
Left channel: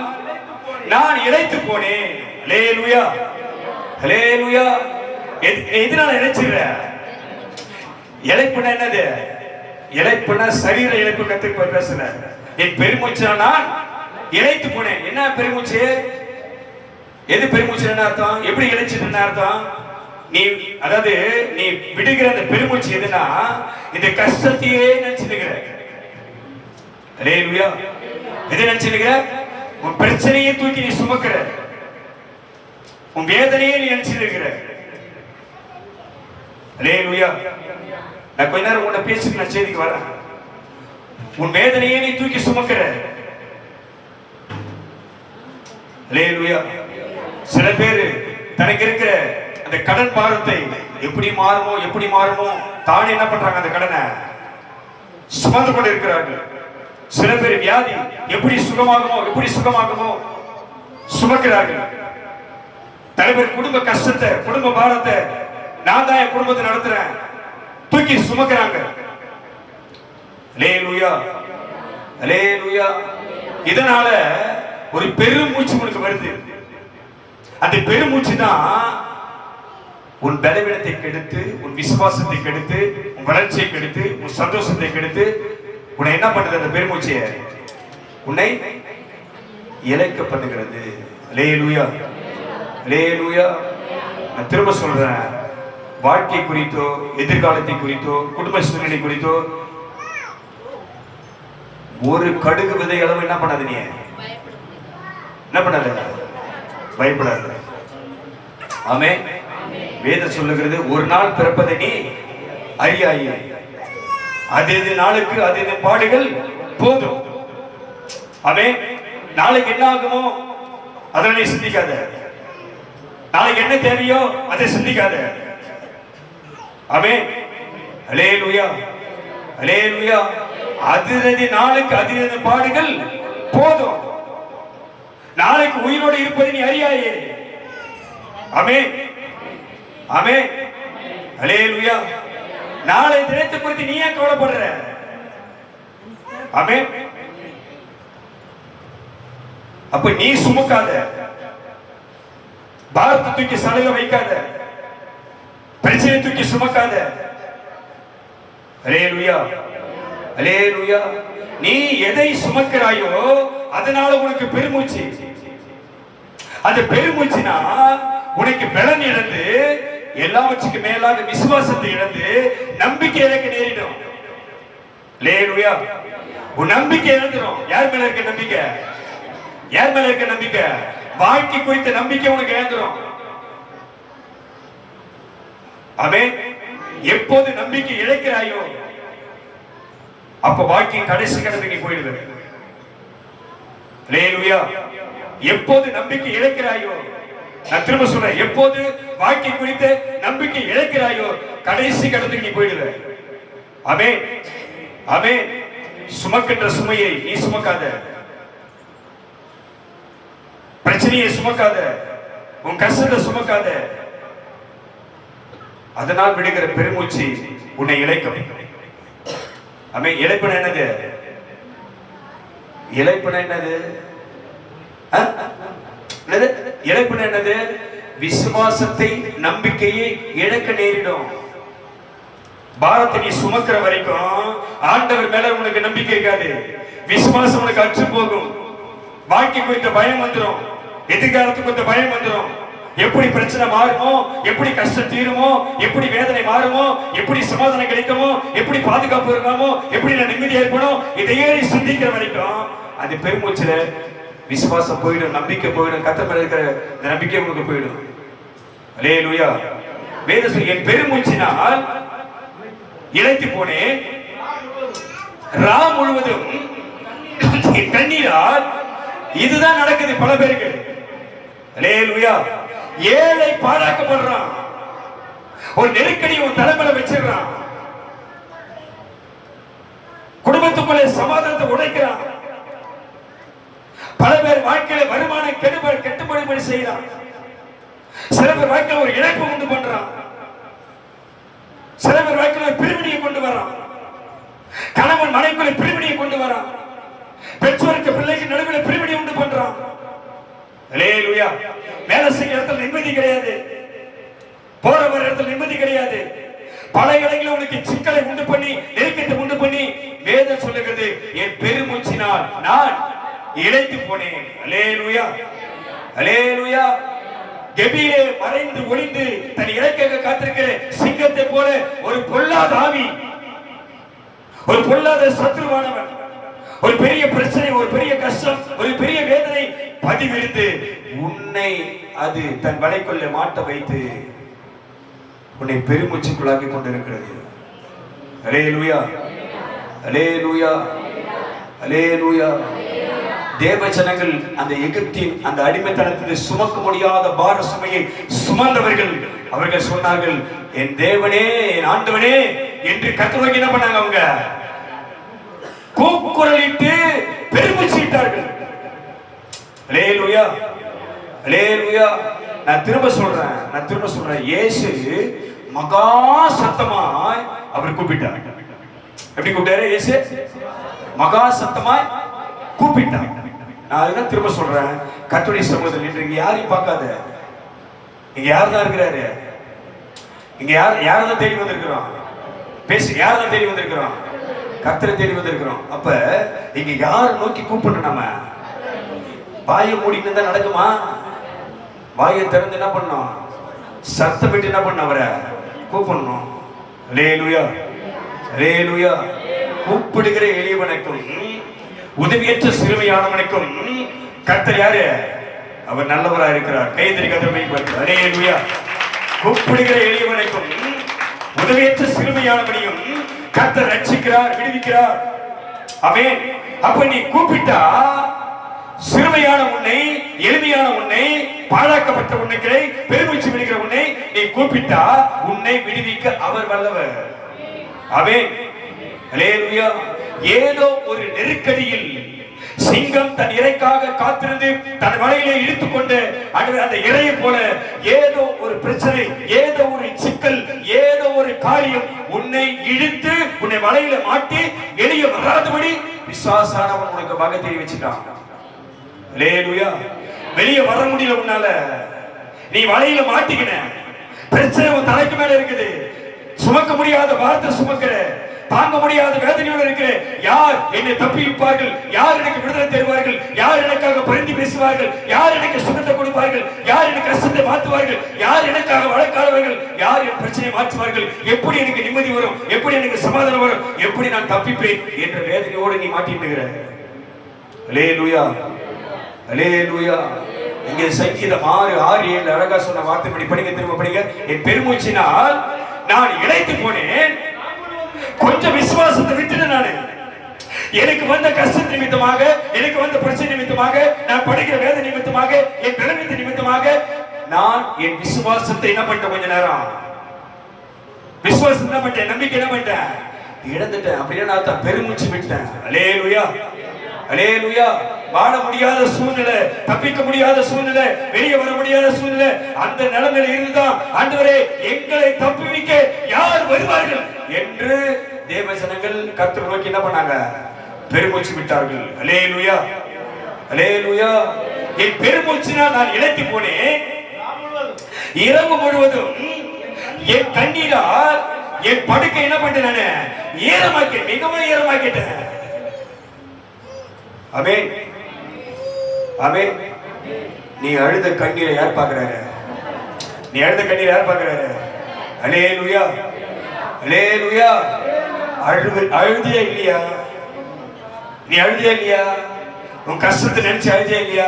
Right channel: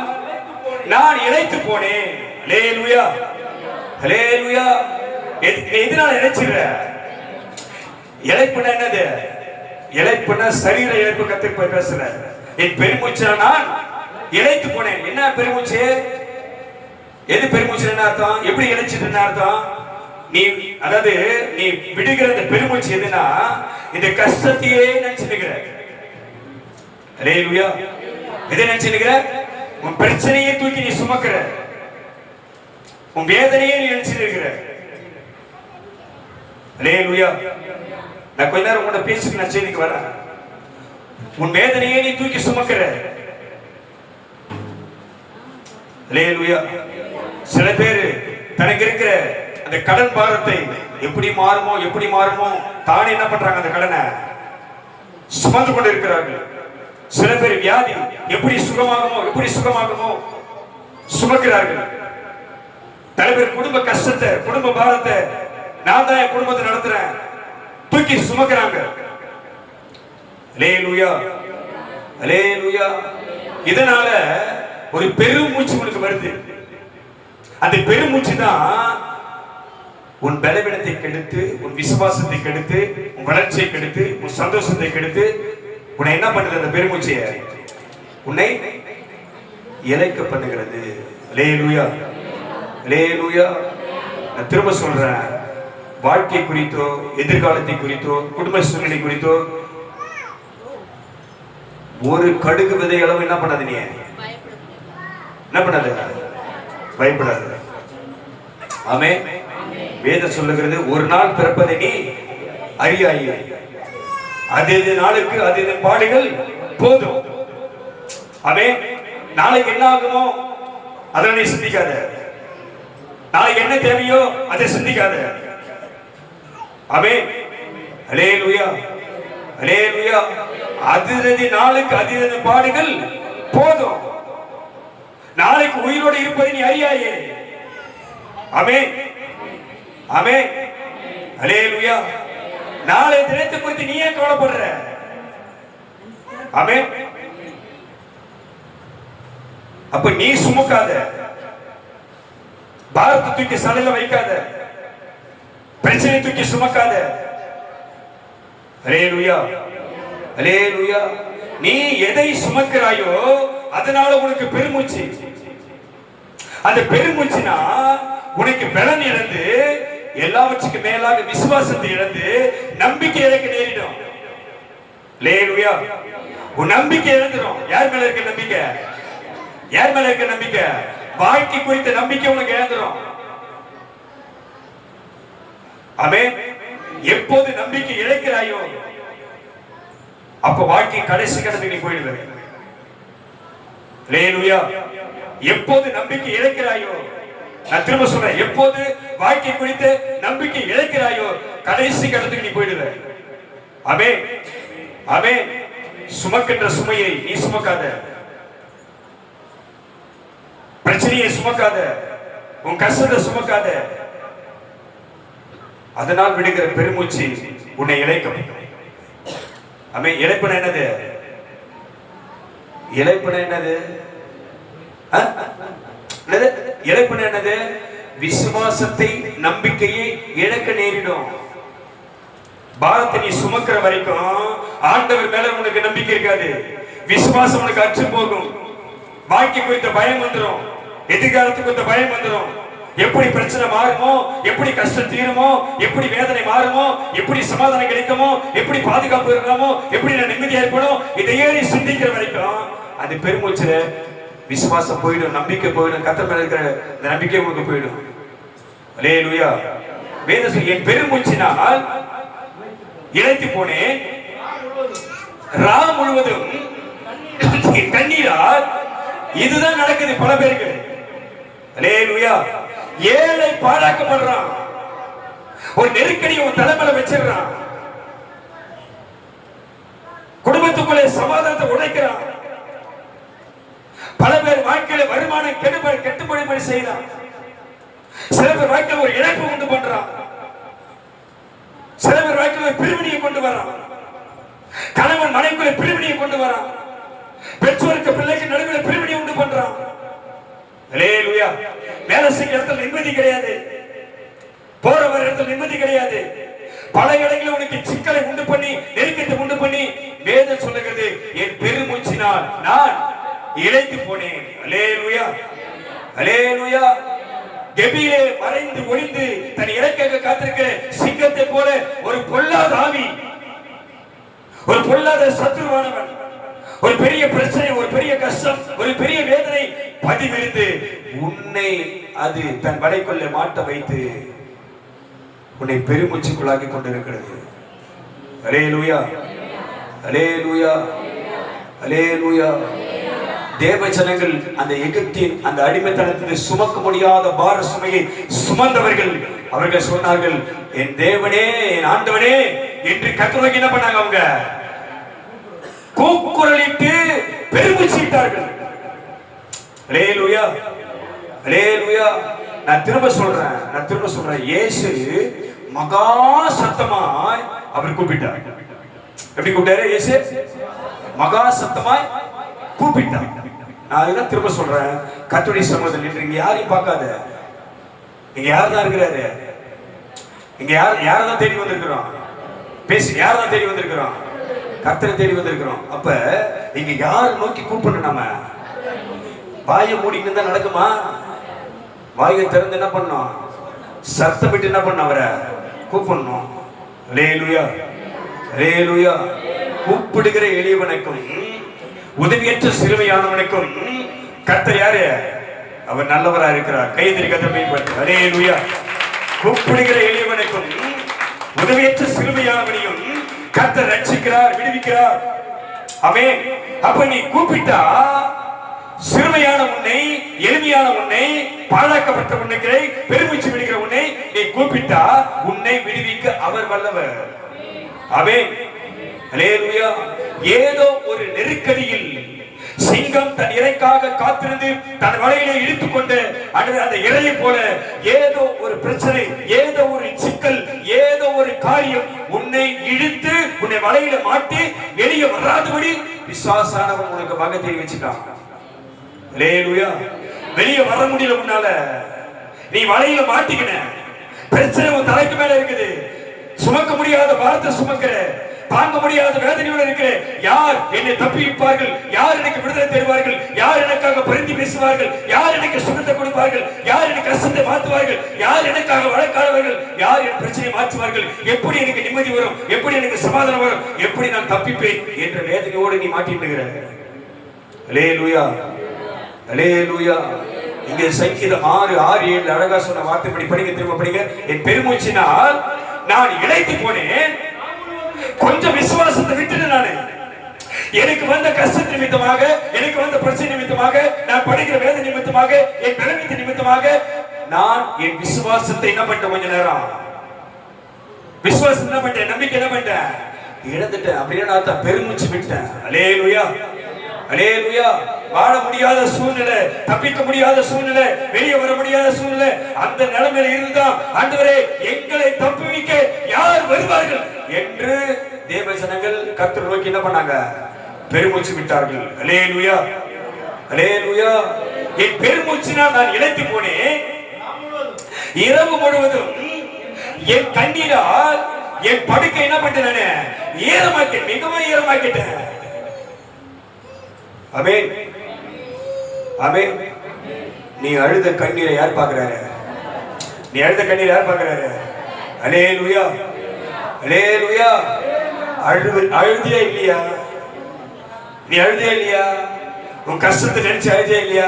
நான் இளைத்து போனேன். அல்லேலூயா, அல்லேலூயா. எதனால இளைச்சிடுற? இளைப்புனா என்னது? இளைப்புனா சரீர இளைப்பு கத்து பேசல. என் பெருமூச்சினால் நான் இளைத்து போனேன். என்ன பெருமூச்சு? எது பெருமூச்சு என்ன அர்த்தம்? எப்படி இளைச்சிட்டு அர்த்தம்? நீ அதாவது நீ விடுகிற அந்த பெருமூச்சு எதுனா இந்த கஷ்டத்தையே நினைச்சுக்கிற. அல்லேலூயா. எதை நினைச்சுக்கிற? உன் பிரச்சனையை தூக்கி நீ சுமக்கிற, உன் வேதனையே நீ நினைச்சிருக்கிற. அல்லேலூயா. நான் கொஞ்ச நேரம் உன்னை பேசிட்டு நான் செய்திக்கு வரேன். உன் வேதனையே நீ தூக்கி சுமக்கிற. அல்லேலூயா. சில பேர் தனக்கு இருக்கிற அந்த கடன் பாரத்தை எப்படி மாறுமோ தானே என்ன பண்றாங்க? அந்த கடனை சுமந்து கொண்டு இருக்கிறார்கள். சில பேர் வியாதி எப்படி சுகமாகுமோ சுமக்கிறார்கள். தலைவர் குடும்ப கஷ்டத்தை, குடும்ப பாரத்தை நான் தான் என் குடும்பத்தை நடத்துறேன் தூக்கி சுமக்கிறாங்க. அல்லேலூயா, அல்லேலூயா. இதனால ஒரு பெரும் மூச்சு உங்களுக்கு வருது. அந்த பெருமூச்சு தான் உன் பலவீனத்தை கெடுத்து, உன் விசுவாசத்தை கெடுத்து, உன் வளர்ச்சியை கெடுத்து, உன் சந்தோஷத்தை கெடுத்து உன்னை என்ன பண்ணுது? அந்த பெருமூச்சிய உன்னை இழைக்க பண்ணுகிறது. அல்லேலூயா, அல்லேலூயா. நான் திரும்ப சொல்றேன், வாழ்க்கை குறித்தோ, எதிர்காலத்தை குறித்தோ, குடும்ப சூழ்நிலை குறித்தோ ஒரு கடுகு விதை அளவு என்ன பண்ணாது? நீ என்ன பண்ணாத? பயப்படாத. ஆமென். வேதம் சொல்லுகிறது, ஒரு நாள் பிறப்பதை நீ அறியாயே, அது நாளுக்கு அது பாடுகள் போதும். ஆமென். நாளைக்கு என்ன ஆகுமோ அதை நீ சிந்திக்காத. நாளைக்கு என்ன தேவையோ அதை சிந்திக்காத. ஆமென். அல்லேலூயா, அல்லேலூயா. அதிரதி நாளுக்கு அதிரதி பாடுகள் போதும். நாளைக்கு உயிரோடு இருப்பதை நீ அறியாயே. ஆமென், ஆமென், அல்லேலூயா. நாளை தினத்தை குறித்து நீ ஏன் கவலைப்படுற? ஆமென். அப்ப நீ சுமக்காத, பாரத்தை தூக்கி சலையில வைக்காத, பிரச்சனை தூக்கி சுமக்காத. அல்லேலூயா, அல்லேலூயா. நீ எதை சுமக்கிறாயோ அதனால உனக்கு பெருமூச்சு. அந்த பெருமூச்சுனா உனக்கு பலன் இழந்து, எல்லாவற்றுக்கு மேலாக விசுவாசத்தை இழந்து நம்பிக்கை இழக்க நேரிடும். அல்லேலூயா. உன் நம்பிக்கை இழந்துரும். யார் மேல இருக்க நம்பிக்கை? யார் மேல இருக்க நம்பிக்கை? வாழ்க்கை குறித்த நம்பிக்கை உனக்கு இழந்துரும். ஆமென். எப்போது நம்பிக்கை இழக்கிறாயோ அப்ப வாழ்க்கை கடைசி கடந்து நீ போயிடுவ. அல்லேலூயா. எப்போது நம்பிக்கை இழக்கிறாயோ, நான் திரும்ப சொல்றேன், எப்போது வாழ்க்கை குறித்த நம்பிக்கை இழக்கிறாயோ கடைசி கடத்துக்கு நீ போயிடுவ. ஆமென். ஆமென். சுமக்கின்ற சுமையை நீ சுமக்காத, பிரச்சனையை சுமக்காத, உன் கஷ்டத்தை சுமக்காத. அதனால் விடுகிற பெருமூச்சு உன்னை இழைக்கும். ஆமென். இழைப்பன என்னது? இழைப்பன என்னது? இழைப்பன என்னது? விசுவாசத்தை, நம்பிக்கையை இழக்க நேரிடும். பாரத்தை நீ சுமக்கிற வரைக்கும் ஆண்டவர் மேல உனக்கு நம்பிக்கை இருக்காது. விசுவாசம் உனக்கு அற்று போகும். வாழ்க்கை குறித்த பயம் வந்துடும், எதிர்காலத்துக்கு குறித்த பயம் வந்துடும். எப்படி பிரச்சனை மாறுமோ, எப்படி கஷ்டம் தீருமோ, எப்படி வேதனை மாறுமோ, எப்படி சமாதானம் கிடைக்குமோ, எப்படி பாதுகாப்பு இருக்கணுமோ, எப்படி நான் நிம்மதியா இருக்கணும், இதையே நீ சிந்திக்கிற வரைக்கும் அது பெருமூச்சுல விசுவாசம் போயிடும், நம்பிக்கை போயிடும். கர்த்தர் மேல இருக்கிற இந்த நம்பிக்கை உங்களுக்கு போயிடும். அல்லேலூயா. வேதம் சொல்லி என் பெருமூச்சினால் இழைத்து போனேன், ரா முழுவதும் என் கண்ணீரால். இதுதான் நடக்குது பல பேருக்கு. அல்லேலூயா. ஏழை பாழாக்கப்படுறான், ஒரு நெருக்கடி ஒரு தலைமையில வச்சிடறான், குடும்பத்துக்குள்ளே சமாதானத்தை உடைக்கிறான். பல பேர் வாழ்க்கையில வருமானம் கெட்டுப்படி செய்யறான். சில பேர் வாழ்க்கையில ஒரு இழப்பு கொண்டு பண்றான். சில பேர் வாழ்க்கையில பிரிவினையை கொண்டு வரான். கணவன் மனைவிக்குள்ள பிரிவினையை கொண்டு வரான். பெற்றோருக்கு பிள்ளைக்கு நடுவில் பிரிவினை உண்டு பண்றான். அல்லேலூயா. வேலை செய்ய இடத்துல நிம்மதி கிடையாது, போற வர இடத்துல நிம்மதி கிடையாது. பல இடங்களில் உனக்கு சிக்கலை உண்டு பண்ணி, நெருக்கத்தை உண்டு பண்ணி, வேதம் சொல்லுகிறது என் பெருமூச்சினால் நான் இழைத்து போனேன். அல்லேலூயா. அல்லேலூயா. கெபியிலே மறைந்து ஒளிந்து தன் இலக்காக காத்திருக்கிற சிங்கத்தை போல ஒரு பொல்லாத ஆவி, ஒரு பொல்லாத சத்துருவானவன், ஒரு பெரிய பிரச்சனை, ஒரு பெரிய கஷ்டம், ஒரு பெரிய வேதனை பதிவிருந்து உன்னை அது தன் வலைக்குள்ள மாட்ட வைத்து உன்னை பெருமூச்சுக்குள்ளாக்கி கொண்டிருக்கிறது. அல்லேலூயா. அல்லேலூயா. அல்லேலூயா. தேவ ஜனங்கள் அந்த எகிப்தின் அந்த அடிமைத்தனத்தில் சுமக்க முடியாத பார சுமையை சுமந்தவர்கள், அவர்கள் சொன்னார்கள் என் தேவனே, என் ஆண்டவனே என்று கர்த்தருக்கு என்ன பண்ணாங்க? அவங்க கூக்குரலிட்டு பெருமூச்சிட்டார்கள். அல்லேலூயா. அல்லேலூயா. நான் திரும்ப சொல்றேன், இயேசு மகா சத்தமாய் அவர் கூப்பிட்டார். எப்படி கூப்பிட்டாரு? இயேசு மகா சத்தமாய் கூப்பிட்டார். நான் அதுதான் திரும்ப சொல்றேன், கர்த்தருடைய சமூகத்தில் நின்று இங்க யாரையும் பார்க்காத. இங்க யார் தான் இருக்கிறாரு? இங்க யாரெல்லாம் தேடி வந்திருக்கிறோம்? பேசி யாரெல்லாம் தேடி வந்திருக்கிறோம்? கர்த்தரை தேடி வந்திருக்கிறோம். அப்ப இங்க யார் நோக்கி கூப்பிடணும்? நம்ம வாயை மூடிட்டு இருந்தா நடக்குமா? வாயை திறந்து என்ன பண்ணணும்? சத்தம் விட்டு என்ன பண்ண? அவரை கூப்பிடணும். அல்லேலூயா. அல்லேலூயா. கூப்பிடுகிற எளியவனுக்கும் உதவியற்ற சிறுமையானவனுக்கும் கர்த்தர் யாரு? அவர் நல்லவரா இருக்கிறார். கைதறி கதவை பற்றி. அல்லேலூயா. கூப்பிடுகிற எளியவனுக்கும் உதவியற்ற சிறுமையானவனையும் கர்த்தர் ரட்சிக்கிறார், விடுவிக்கிறார். ஆமென். அப்ப நீ கூப்பிட்டா சிறுமையான உன்னை, எளிமையான உன்னை, பாழாக்கப்பட்ட உன்னை, பெருமூச்சு விடுகிற உன்னை நீ கூப்பிட்டா உன்னை விடுவிக்க அவர் வல்லவர். ஆமென். அல்லேலூயா. ஏதோ ஒரு நெருக்கடியில் சிங்கம் தன் இறைக்காக காத்திருந்து தன் வலையிலே இழுத்துக்கொண்டு அந்த இறையை போல ஏதோ ஒரு பிரச்சனை, ஏதோ ஒரு சிக்கல், ஏதோ ஒரு காரியம் உன்னை இழுத்து உன்னை வலையில மாட்டி வெளியே வராதபடி விசுவாசானவன் உனக்கு வகை தெரிய வச்சுட்டான். அல்லேலூயா. வெளியே வர முடியல உன்னால, நீ வலையில மாட்டிக்கின, பிரச்சனை உன் தலைக்கு மேல இருக்குது, சுமக்க முடியாத வார்த்தை சுமக்கிற, தாங்க முடியாத வேதனையோடு இருக்கிறேன். யார் என்னை தப்பிப்பார்கள்? யார் எனக்கு விடுதலை தருவார்கள்? யார் எனக்காக பரிந்து பேசுவார்கள்? யார் எனக்கு சுகத்தை கொடுப்பார்கள்? யார் எனக்கு கஷ்டத்தை மாற்றுவார்கள்? யார் எனக்காக வழக்காடுவார்கள்? யார் என் பிரச்சனையை மாற்றுவார்கள்? எப்படி எனக்கு நிம்மதி வரும்? எப்படி எனக்கு சமாதானம் வரும்? எப்படி நான் தப்பிப்பேன் என்ற வேதனையோடு நீ மாட்டிட்டு. அல்லேலூயா, அல்லேலூயா. இங்கே சங்கீதம் 6:6-7 அழகா சொன்ன வார்த்தை படி படிங்க, திரும்ப படிங்க. என் பெருமூச்சினால் நான் இளைத்து போனேன். கொஞ்சம் விசுவாசத்தை விட்டுட்டு நானு எனக்கு வந்த கஷ்ட நிமித்தமாக, எனக்கு வந்த பிரச்சனை நிமித்தமாக, நான் படிக்கிற வேத நிமித்தமாக, என் பலவீனத்தின் நிமித்தமாக நான் என் விசுவாசத்தை என்ன பண்ணிட்டேன்? கொஞ்ச நேரம் விசுவாசம் என்ன பண்ணிட்டேன்? நம்பிக்கை என்ன பண்ணிட்டேன்? இழந்துட்டேன். அப்படியே நான் பெருமூச்சு விட்டேன். அல்லேலூயா, அல்லேலூயா. வாழ முடியாத சூழ்நிலை, தப்பிக்க முடியாத சூழ்நிலை, வெளியே வர முடியாத சூழ்நிலை, அந்த நிலைமையில இருந்தா ஆண்டவரே எங்களை தப்புவிக்க யார் வருவார்கள் என்று தேவஜனங்கள் கர்த்தரை நோக்கி என்ன பண்ணாங்க? பெருமூச்சு விட்டார்கள். அல்லேலூயா, அல்லேலூயா. என் பெருமூச்சினால் நான் இழைத்து போனேன். இரவு முழுவதும் என் கண்ணீரால் என் படுக்கை என்ன பண்ணிட்டேன்? நான் ஈரமாக்கிட்டேன், மிகவும் ஈரமாக்கிட்டேன். ஆமென், ஆமென். நீ அழுத கண்ணீரை யார் பார்க்கிறாரு? நீ அழுத கண்ணீரை யார் பார்க்கிறாரு? அல்லேலூயா, அல்லேலூயா. அழுதியா இல்லையா? நீ அழுதியா இல்லையா? உன் கஷ்டத்தை நினைச்சு அழுதியா இல்லையா?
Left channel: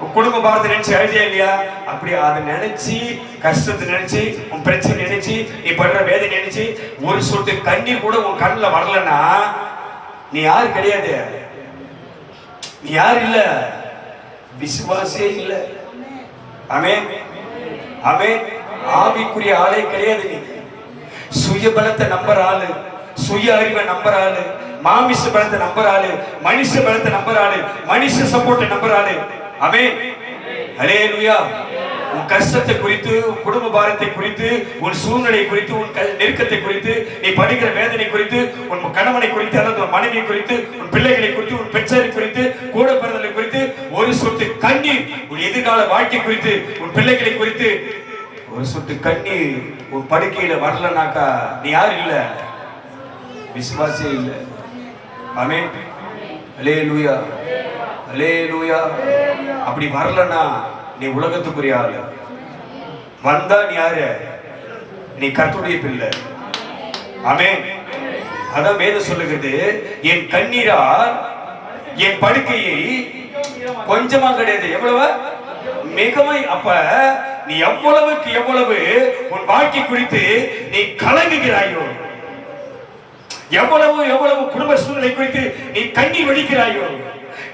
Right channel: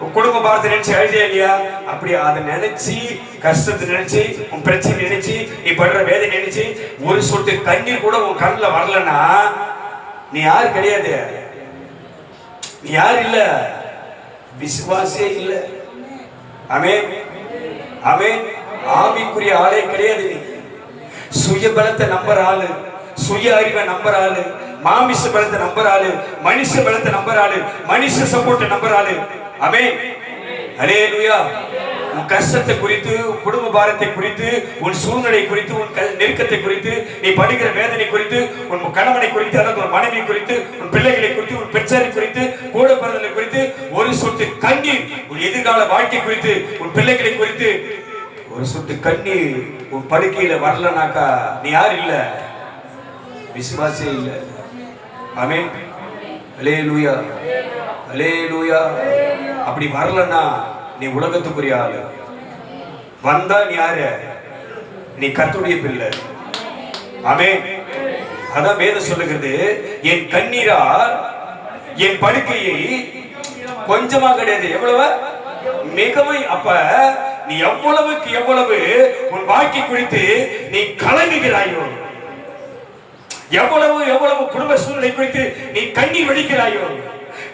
உன் குடும்ப பாரத்தை நினைச்சு அழுதியா இல்லையா? அப்படி அதை நினைச்சு, கஷ்டத்தை நினைச்சு, உன் பிரச்சனை நினைச்சு, நீ படுற வேதனை நினைச்சு ஒரு சொட்டு கண்ணீர் கூட உன் கண்ணில் வரலன்னா நீ யாரு கிடையாது. நீ யார் இல்ல? விசுவாசியே இல்ல. ஆமென், ஆமென். ஆவிக்குரிய ஆளே கிடையாது. நீ சுய பலத்தை நம்புற ஆளு, சுய அறிவை நம்புற ஆளு, மாமிச பலத்தை நம்புற ஆளு, மனுஷ பலத்தை நம்புற ஆளு, மனுஷ சப்போர்ட்டை நம்புற ஆளு. ஆமென், அல்லேலூயா. உன் கஷ்டத்தை குறித்து, குடும்ப பாரத்தை குறித்து, உன் சூழ்நிலை குறித்து, உன் நெருக்கத்தை குறித்து, நீ படிக்கிற வேதனை குறித்து, உன் கணவனை குறித்து, அல்லது உன் மனைவி குறித்து, உன் பிள்ளைகளை குறித்து, உன் பெற்றோரை குறித்து, கூட பிறந்தலை குறித்து ஒரு சொட்டு கண்ணீர், உன் எதிர்கால வாழ்க்கை குறித்து, உன் பிள்ளைகளை குறித்து ஒரு சொட்டு கண்ணீர் உன் படுக்கையில வரலனாக்கா நீ யார் இல்ல? விசுவாசியே இல்ல. ஆமென், அல்லேலூயா, அல்லேலூயா. அப்படி வரலனா நீ உலகத்துக்குரிய ஆளு. வந்தா நீ யாரு? நீ கர்த்தருடைய பிள்ளை. ஆமென். அதான் வேதம் சொல்லுகிறது, என் கண்ணீரால் என் படுக்கையை கொஞ்சமா கிடையாது, எவ்வளவு மிகவும். அப்ப நீ எவ்வளவுக்கு எவ்வளவு உன் வாழ்க்கை குறித்து நீ கலங்குகிறாயோ, எவ்வளவு எவ்வளவு குடும்ப சூழ்நிலை குறித்து நீ கண்ணீர் வடிக்கிறாயோ,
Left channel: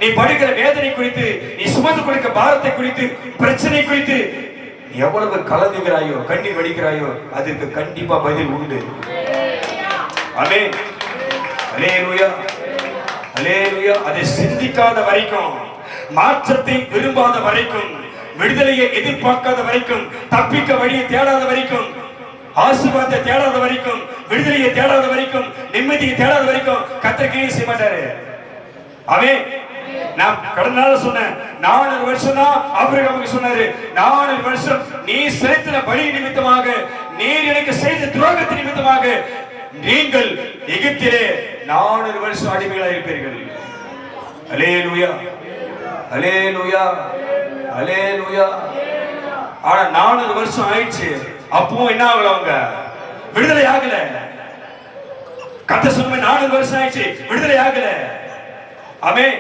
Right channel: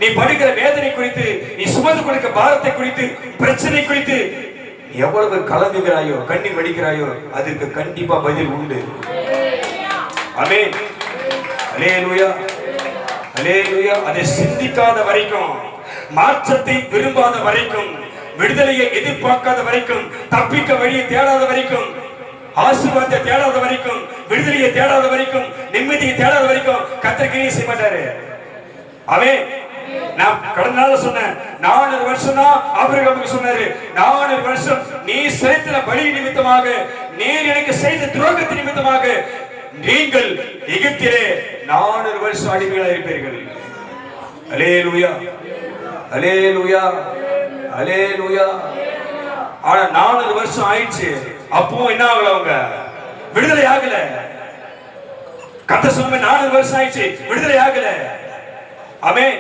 நீ படுகிற வேதனை குறித்து, நீ சுமந்து கொடுக்க பாரத்தை குறித்து, பிரச்சனை குறித்து நீ எவ்வளவு கலங்குகிறாயோ, கண்ணீர் வடிக்கிறாயோ, அதுக்கு கண்டிப்பா பதில் உண்டு. ஆமென், அல்லேலூயா, அல்லேலூயா. அதை சிந்திக்காத வரைக்கும், மாற்றத்தை விரும்பாத வரைக்கும், விடுதலையை எதிர்பார்க்காத வரைக்கும், தப்பிக்க வழியை தேடாத வரைக்கும், ஆசீர்வாதத்தை தேடாத வரைக்கும், விடுதலையை தேடாத வரைக்கும், நிம்மதியை தேடாத வரைக்கும் கர்த்தர் கிரியை செய்ய மாட்டாரு. ஆமென். நான் கடந்த நாள் சொன்னேன், 400 வருஷம் தான் ஆபிரகாமுக்கு சொன்னாரு. 400 வருஷம் நீ செலுத்தின பலி நிமித்தமாக, நீர் எனக்கு செய்த துரோகத்தின் நிமித்தமாக நீங்கள் எகிப்திலே 400 வருஷம் அடிமைகளாக இருப்பீர்கள். அல்லேலூயா, அல்லேலூயா, அல்லேலூயா. ஆனா 400 வருஷம் ஆயிடுச்சு, அப்பவும் என்ன ஆகல? அவங்க விடுதலை ஆகல. கர்த்தர் சொன்ன 400 வருஷம் ஆயிடுச்சு, விடுதலை ஆகல. ஆமென்,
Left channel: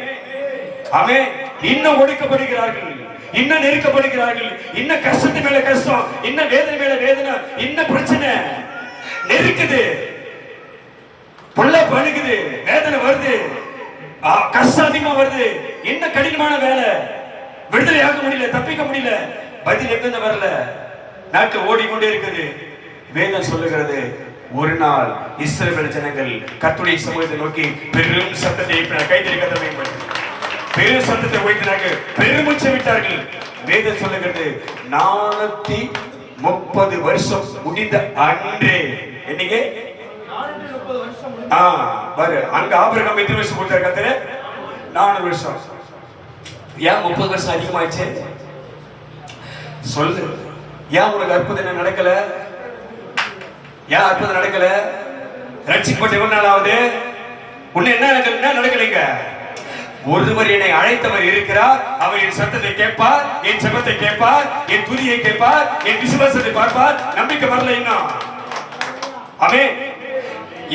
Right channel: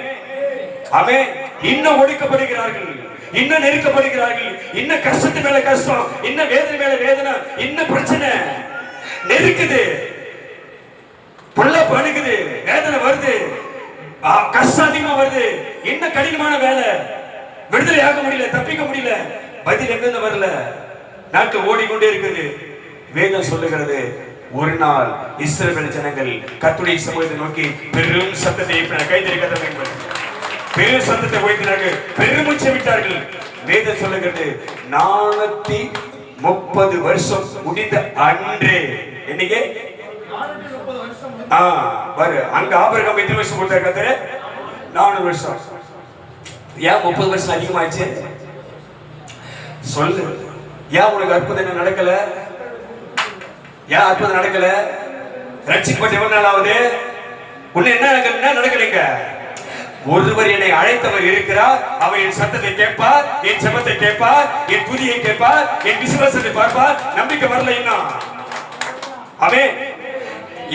ஆமென். இன்னும் ஒடுக்கப்படுகிறார்கள், இன்னும் நெருக்கப்படுகிறார்கள், இன்னும் கஷ்டத்து மேல கஷ்டம், இன்னும் வேதனை மேல வேதனை, இன்னும் பிரச்சனை நெருக்குது, பொல்லாப்பு அணுகுது, வேதனை வருது, கஷ்டம் அதிகமா வருது, இன்னும் கடினமான வேலை, விடுதலை ஆக முடியல, தப்பிக்க முடியல, பதில் எங்கிருந்து வரல, நாட்கள் ஓடிக்கொண்டே இருக்குது. வேதம் சொல்லுகிறது, ஒரு நாள் இஸ்ரவேல் ஜனங்கள் கர்த்தருடைய சமூகத்தை நோக்கி பெரும் சத்தத்தை கைத்தறிக்க பெரும் சத்தத்தை உயர்த்தினார்கள், பெருமூச்சை விட்டார்கள். வேதம் சொல்லுகிறது, 430 வருஷம் முடிந்த அன்றே, என்னைக்கு அங்க ஆபிரகாம் எத்தனை வருஷம் கொடுத்தாரு? கர்த்தர் 400 வருஷம். ஏன் 30 வருஷம் அதிகமாச்சு? சொல்லு. ஏன் உனக்கு அற்புதம் என்ன நடக்கல? ஏன் அற்புதம் நடக்கல? ரட்சிக்கப்பட்ட எவ்வளவு நாளாவது? உன்னை என்ன நடக்கலைங்க? ஒருவர் என்னை அழைத்தவர் இருக்கிறார். அவர் என் சத்தத்தை கேட்பார், என் ஜெபத்தை கேட்பார், என் துதியை கேட்பார், என் விசுவாசத்தை பார்ப்பார். நம்பிக்கை வரல இன்னும். ஆமென்.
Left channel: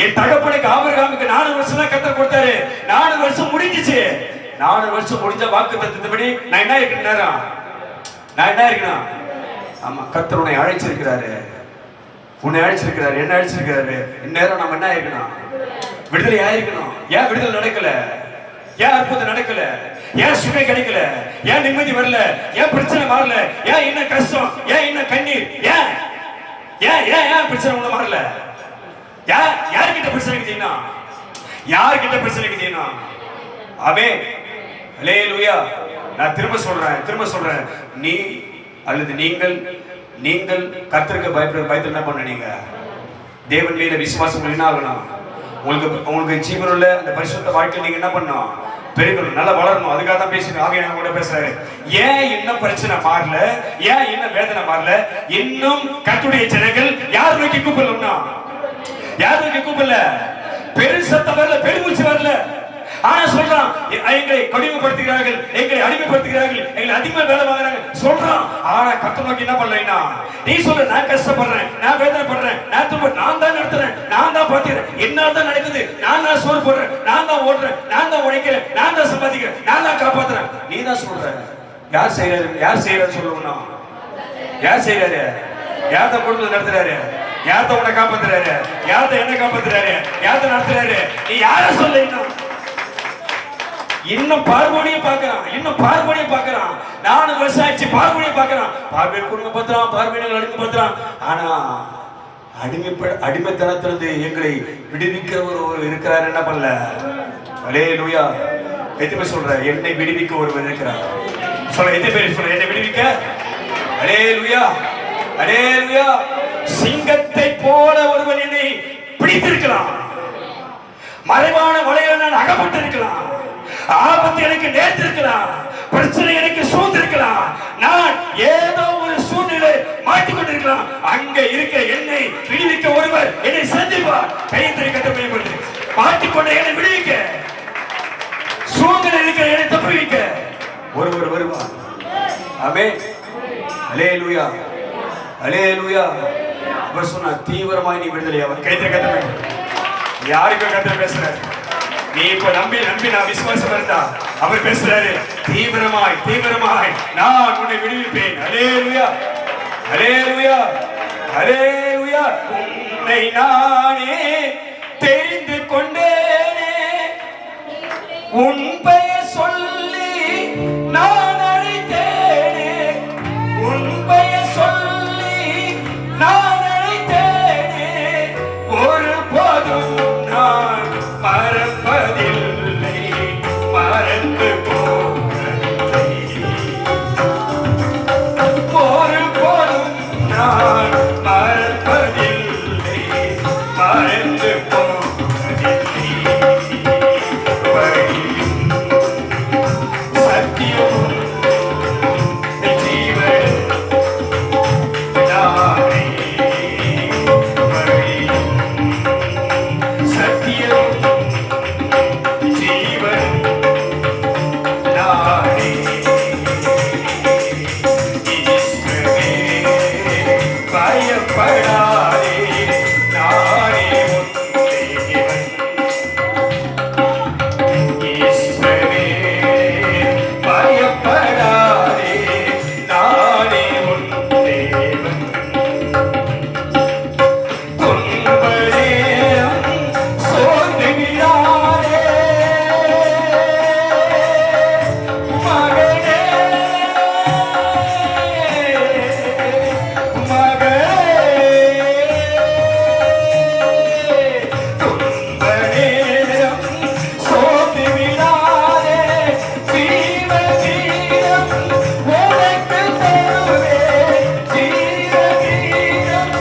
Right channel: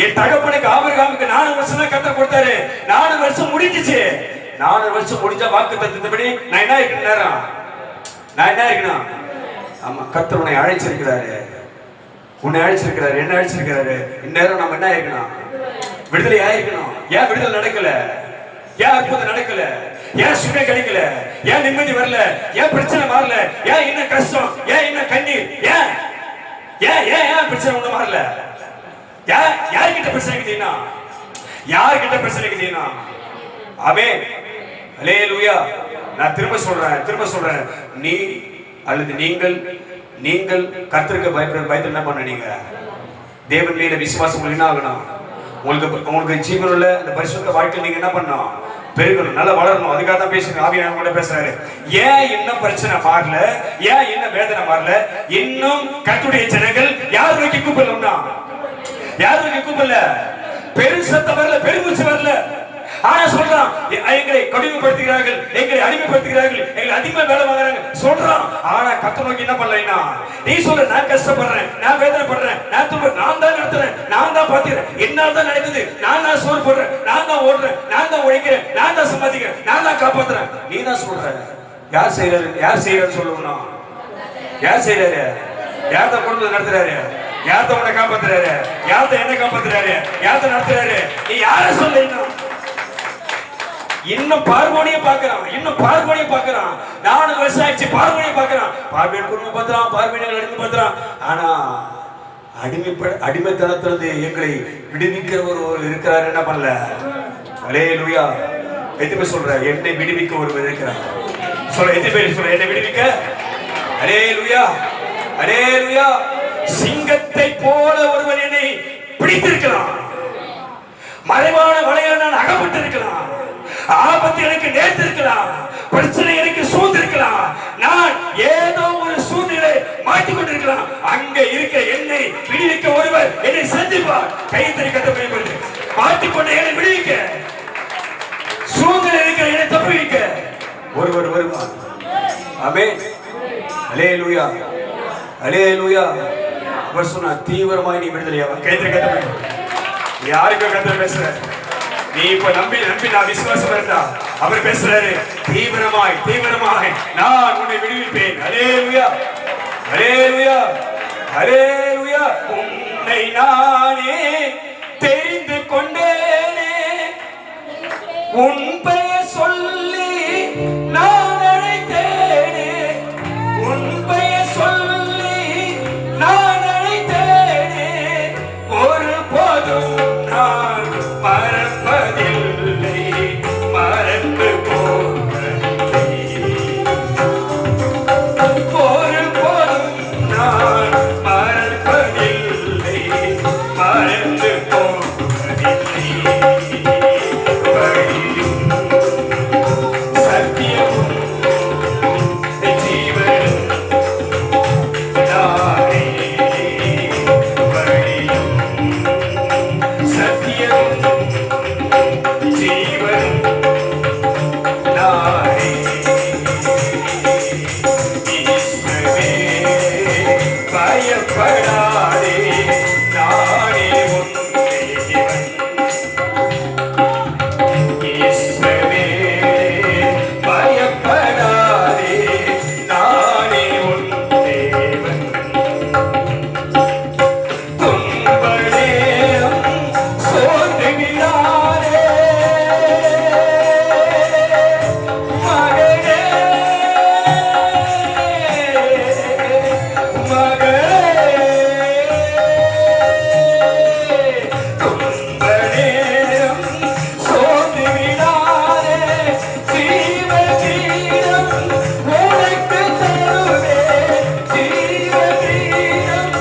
என் தகப்பனுக்கு ஆபிரகாமுக்கு 4 வருஷம் தான் கர்த்தர் கொடுத்தாரு. 4 வருஷம் முடிஞ்சிச்சு. 4 வருஷம் முடிஞ்ச வாக்குத்தத்தத்தின்படி நான் என்ன இருக்கணும் நேரம்? நான் என்ன இருக்கணும்? ஆமா, கர்த்தர் உன்னை அழைச்சிருக்கிறாரு. உன்னை அழைச்சிருக்கிறாரு, என்ன அழைச்சிருக்கிறாரு. இந்நேரம் நம்ம என்ன ஆயிருக்கணும்? விடுதலை ஆயிருக்கணும். ஏன் விடுதலை நடக்கல? ஏன் அற்புதம் நடக்கல? ஏன் சுகம் கிடைக்கல? ஏன் நிம்மதி வரல? ஏன் பிரச்சனை வரல? ஏன் என்ன கஷ்டம்? ஏன் என்ன கண்ணீர்? ஏன் ஏன் ஏன் ஏன் பிரச்சனை ஒண்ணு வரல? யார்கிட்ட பிரச்சனை செய்யணும்? யார்கிட்ட பிரச்சனை செய்யணும்? ஆமென். அல்லேலூயா. நான் திரும்ப சொல்றேன், நீ அல்லது நீங்கள் கர்த்தருக்கு பயத்துல என்ன பண்ணீங்க? தேவன் மேல விசுவாசம் என்ன ஆகணும்? உங்களுக்கு ஜீவனுள்ள அந்த பரிசுத்த வாழ்க்கை நீங்க என்ன பண்ணணும்? பெருகணும், நல்லா வளரணும். அதுக்காக தான் பேசுறேன். ஆவியானவர் கூட பேசுறாரு. ஏன் இன்னும் பிரச்சனை மாறல? ஏன் இன்னும் வேதனை மாறல? இன்னும் கர்த்தருடைய ஜனங்கள் யார் நோக்கி கூப்பிடல? யார் நோக்கி கூப்பிடல? பெருசத்தம் வரல, பெருமூச்சு வரல. ஆனா சொல்றான், எங்களை கடினப்படுத்துகிறார்கள், எங்களை அடிமைப்படுத்துகிறார்கள், எங்களை அதிகமா வேலை வாங்குறாங்க சொல்றான். ஆனா கர்த்தர் நோக்கி என்ன பண்ணலைன்னா, நீ சொல்ற நான் கஷ்டப்படுறேன், நான் வேதனைப்படுறேன், நான் தான் நடத்துறேன், நான் தான் பாத்துக்கிறேன், என்னால தான் நடக்குது, நான் தான் சோறு போடுறேன், நான் தான் ஓடுறேன், நான் தான் உழைக்கிறேன், நான் தான் சம்பாதிக்கிறேன், நான் தான் காப்பாத்துறேன். நீ தான் சொல்ற. யார் செய்யறாரு சொல்லணும்? யார் செய்யறாரு? யார் தான் குடும்பத்தை நடத்துறாரு? யார் தான் உன்னை காப்பாத்துறாரு? யார் தான் என்ன காப்பாத்துறாரு? யார் தான் நடத்துறாரு? நீ யார சொல்ல? இன்னும் பார்வோனிய பாக்குறான். 4 வருஷம் ஆயிடுச்சு, பார்வோனிய பாக்குறான். பார்வையன் குடும்ப பத்திரம், பார்வையன் அடிமை பத்திரம். ஆனா அடிமைத்தனத்திலிருந்து எங்களை விடுவிக்கிறவர் இருக்கிறார். என்ன பண்ணல? அல்லேலூயா. எத்தனை பேர் சொல்ற? என்னை விடுவிக்க ஒருவர் இருக்கிறார். சொல்ல, எத்தனை பேர் சொல்ற என்னை விடுவிக்க? அல்லேலூயா, அல்லேலூயா. சிங்கத்தை போல ஒருவன் என்னை பிடித்திருக்கலாம். மறைவான வலையில நான் அகப்பட்டு இருக்கலாம். ஆபத்து எனக்கு நேர்த்திருக்கலாம். பிரச்சனை எனக்கு சூழ்ந்திருக்கலாம். நான் ஏதோ ஒரு சூழ்நிலை மாட்டிக்கொண்டிருக்கலாம். அங்க இருக்க என்னை விடுவிக்க ஒருவர் என்னை சந்திப்பார். கைத்தறி கட்ட பயன்படுத்தி மாட்டிக்கொண்ட என்னை விடுவிக்க, சூழ்நிலை இருக்கிற என்னை தப்புவிக்க ஒருவர் வருவார். ஆமென். அல்லேலூயா, அல்லேலூயா. அவர் சொன்னா தீவிரமாய் நீ விடுதலையாவ. கைத்தறி கட்ட பயன்படுத்தி யாருக்கு கர்த்தர் பேசுற? நீ இப்ப நம்பி நான் விசுவாசம் இருந்தா அவர் பேசுறாரு. தீவிரமாய் நான் உன்னை விடுவிப்பேன். அல்லேலூயா, அல்லேலூயா, அல்லேலூயா. உன்னை நானே தெரிந்து கொண்டேனே, உன் பெயர் சொல்லி நான் அழைத்தேனே, உன் பெயர் சொல்லி நான் அழைத்தேனே, ஒரு போதும் நான் மறப்பதில்லை, மறந்து போவதில்லை, ஒரு போதும் நான் மறப்பதில்லை, மறந்து போவதில்லை. வழியும் சத்தியமும் ஜீவனும் நானே, வழியும் சத்தியமும் ஜீவனும் நானே. இயேசுவே பயப்படாதே, நானே உன் தேவன். இயேசுவே பயப்படாதே, நானே உன் தேவன். துன்ப நேரம் சோர்ந்து விடாதே, மகனே, துன்ப நேரம் சோர்ந்து விடாதே, ஜீவ கிரீடம் உனக்கு தருவேன், ஜீவ கிரீடம்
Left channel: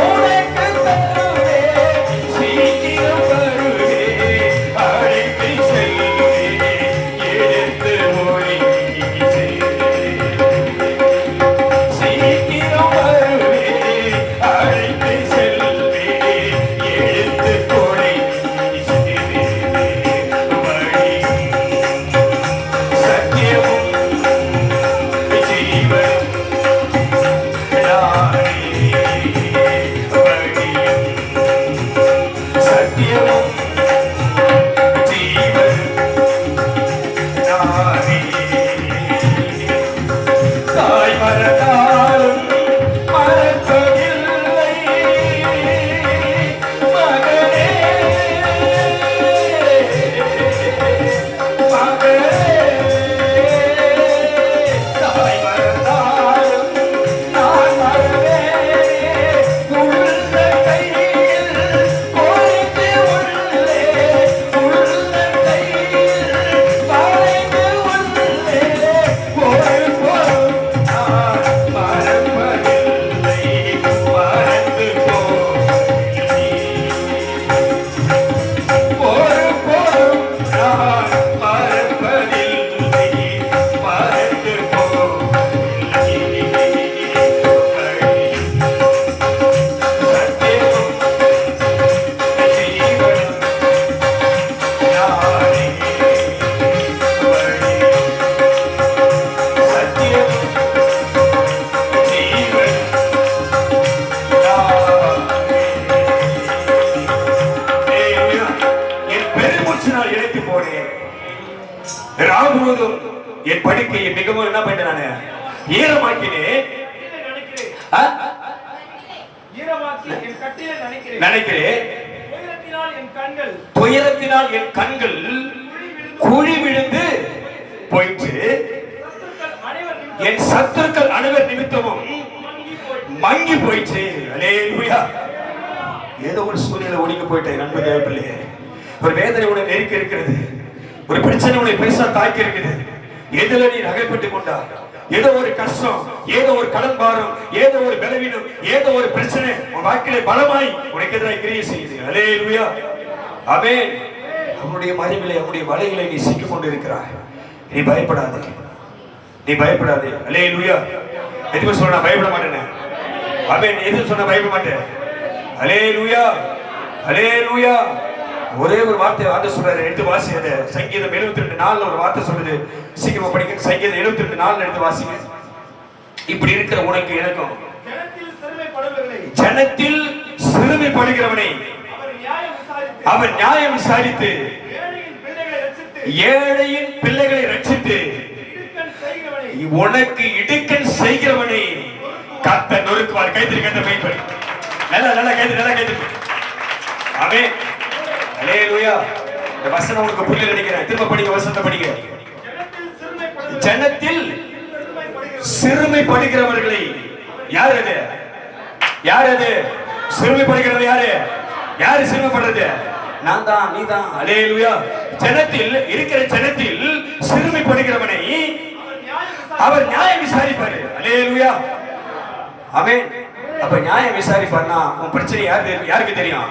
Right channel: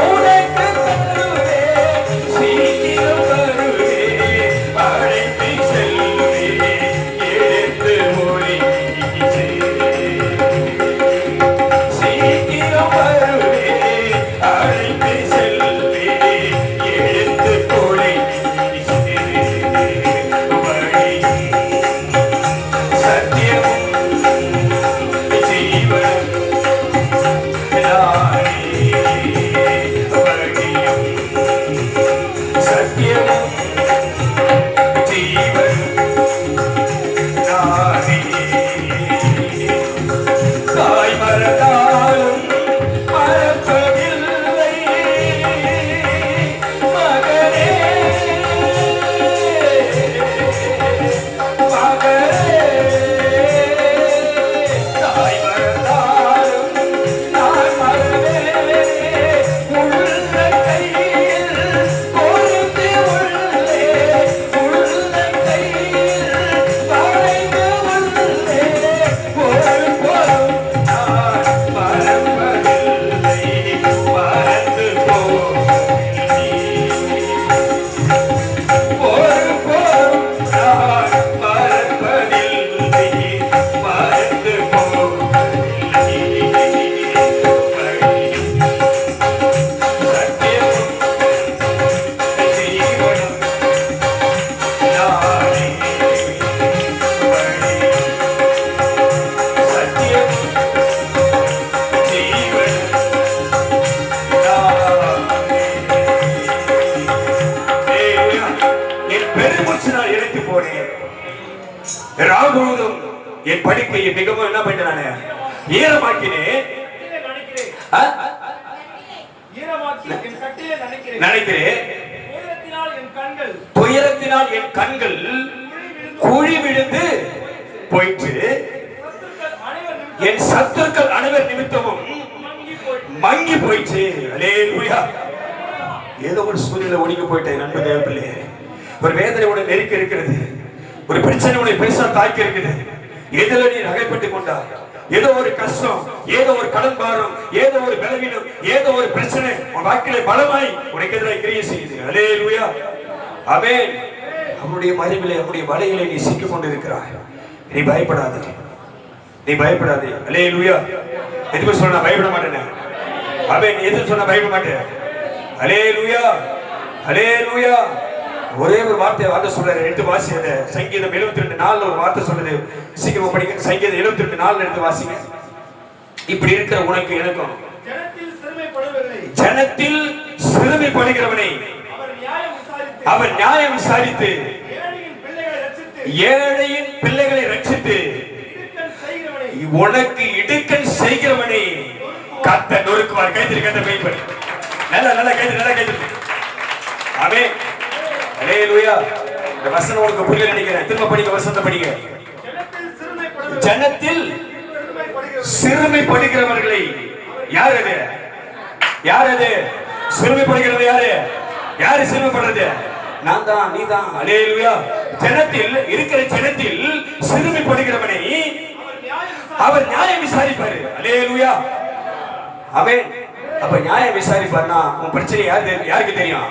உனக்கு தருவேன், சீக்கிரம் வருவேன், அழைத்து செல்வேன், எடுத்து மொழிக்கு சீக்கிரம் வருவேன், அழைத்து செல்வேன், எடுத்து என் படுக்கையை மிகவும் என்ன பண்ண ஈரமாக்கினேன் நினைக்கிறேன். துயரத்தினால் என் கண்கள் குழி விழுந்து போயிற்று. என் சத்துருக்கள் அனைவர் நிமித்தமும் மங்கி போயிற்று. அல்லேலூயா. ஏதோ ஒரு சூழ்நிலை ஒடுங்கி போயிட்டேன் நண்பர் தேவப்பிள்ளையே. ஒரு வேதனை உடைய நெருக்கி இருக்கிறது. ஒரு பிரச்சனை உடைய பெருசா தாக்கி இருக்குது. எதில நீ நகைப்பட்டுக் கொண்டார்? ஏதோ ஒரு கஷ்டம், ஏதோ ஒரு கடன் பாரம், ஏதோ ஒரு பலவீனம், ஏதோ ஒரு பிரச்சனை உன் வாழ்க்கையில பலமாய் உனக்கு எதிராக கிரியை செய்யுது. அல்லேலூயா. ஆமென். அவருடைய மறைவிலே அவருடைய வலைகளை நீ சிக்கிக் கொண்டிருக்கிறாய். நீ பயப்படாதே, நீ பயப்படாதே. அல்லேலூயா. எதுக்கு சொன்னா பயப்பட மாட்டேன். ஆமென். எதுக்கு சொன்னா பயப்பட மாட்டேன். அல்லேலூயா, அல்லேலூயா. ஒரே ஒரு வார்த்தை ஆண்டவர் சொல்றாரு. எடுத்து வாசி. அந்த சங்கீதம் 72:4 ஒரு வார்த்தை சொல்லுது. சீக்கிரமா படிங்க. சங்கீதம் 72:4 எடுத்து வாசிங்க. இப்படி இருக்கிற உனக்கு எனக்கும் ஜனத்தில் சிறுமைப்படுகிறவனை அவர் நியாயம் விசாரித்து ஏழையின் பிள்ளைகளை ரட்சித்து உனக்கு இடுக்கன் செய்கிறவனை கர்த்தர் நொறுக்குவார். கைத்திரி கர்த்தர் மெய்ப்படி. நல்லா கைத்திரி. ஆமென். அல்லேலூயா. இந்த வசனம் உங்களுக்கு புரியல நினைக்கிறேன். திரும்ப படிங்க. வசனத்தை படிங்க. ஜனத்தில் சிறுமைப்படுகிறவர்களை யார் அது? யார் அது? சிறுமைப்படுகிறது யாரு? யாரு சிறுமைப்படுறது? நான் தான், நீ தான். அல்லேலூயா. ஜனத்தில் இருக்கிற ஜனத்தில் சிறுமைப்படுகிறவனை அவர் நியாயம் விசாரிப்பாரு. அல்லேலூயா. ஆமென். அப்ப நியாயம் விசாரிப்பார்னா உன் பிரச்சனை யாருக்கு தெரியும்?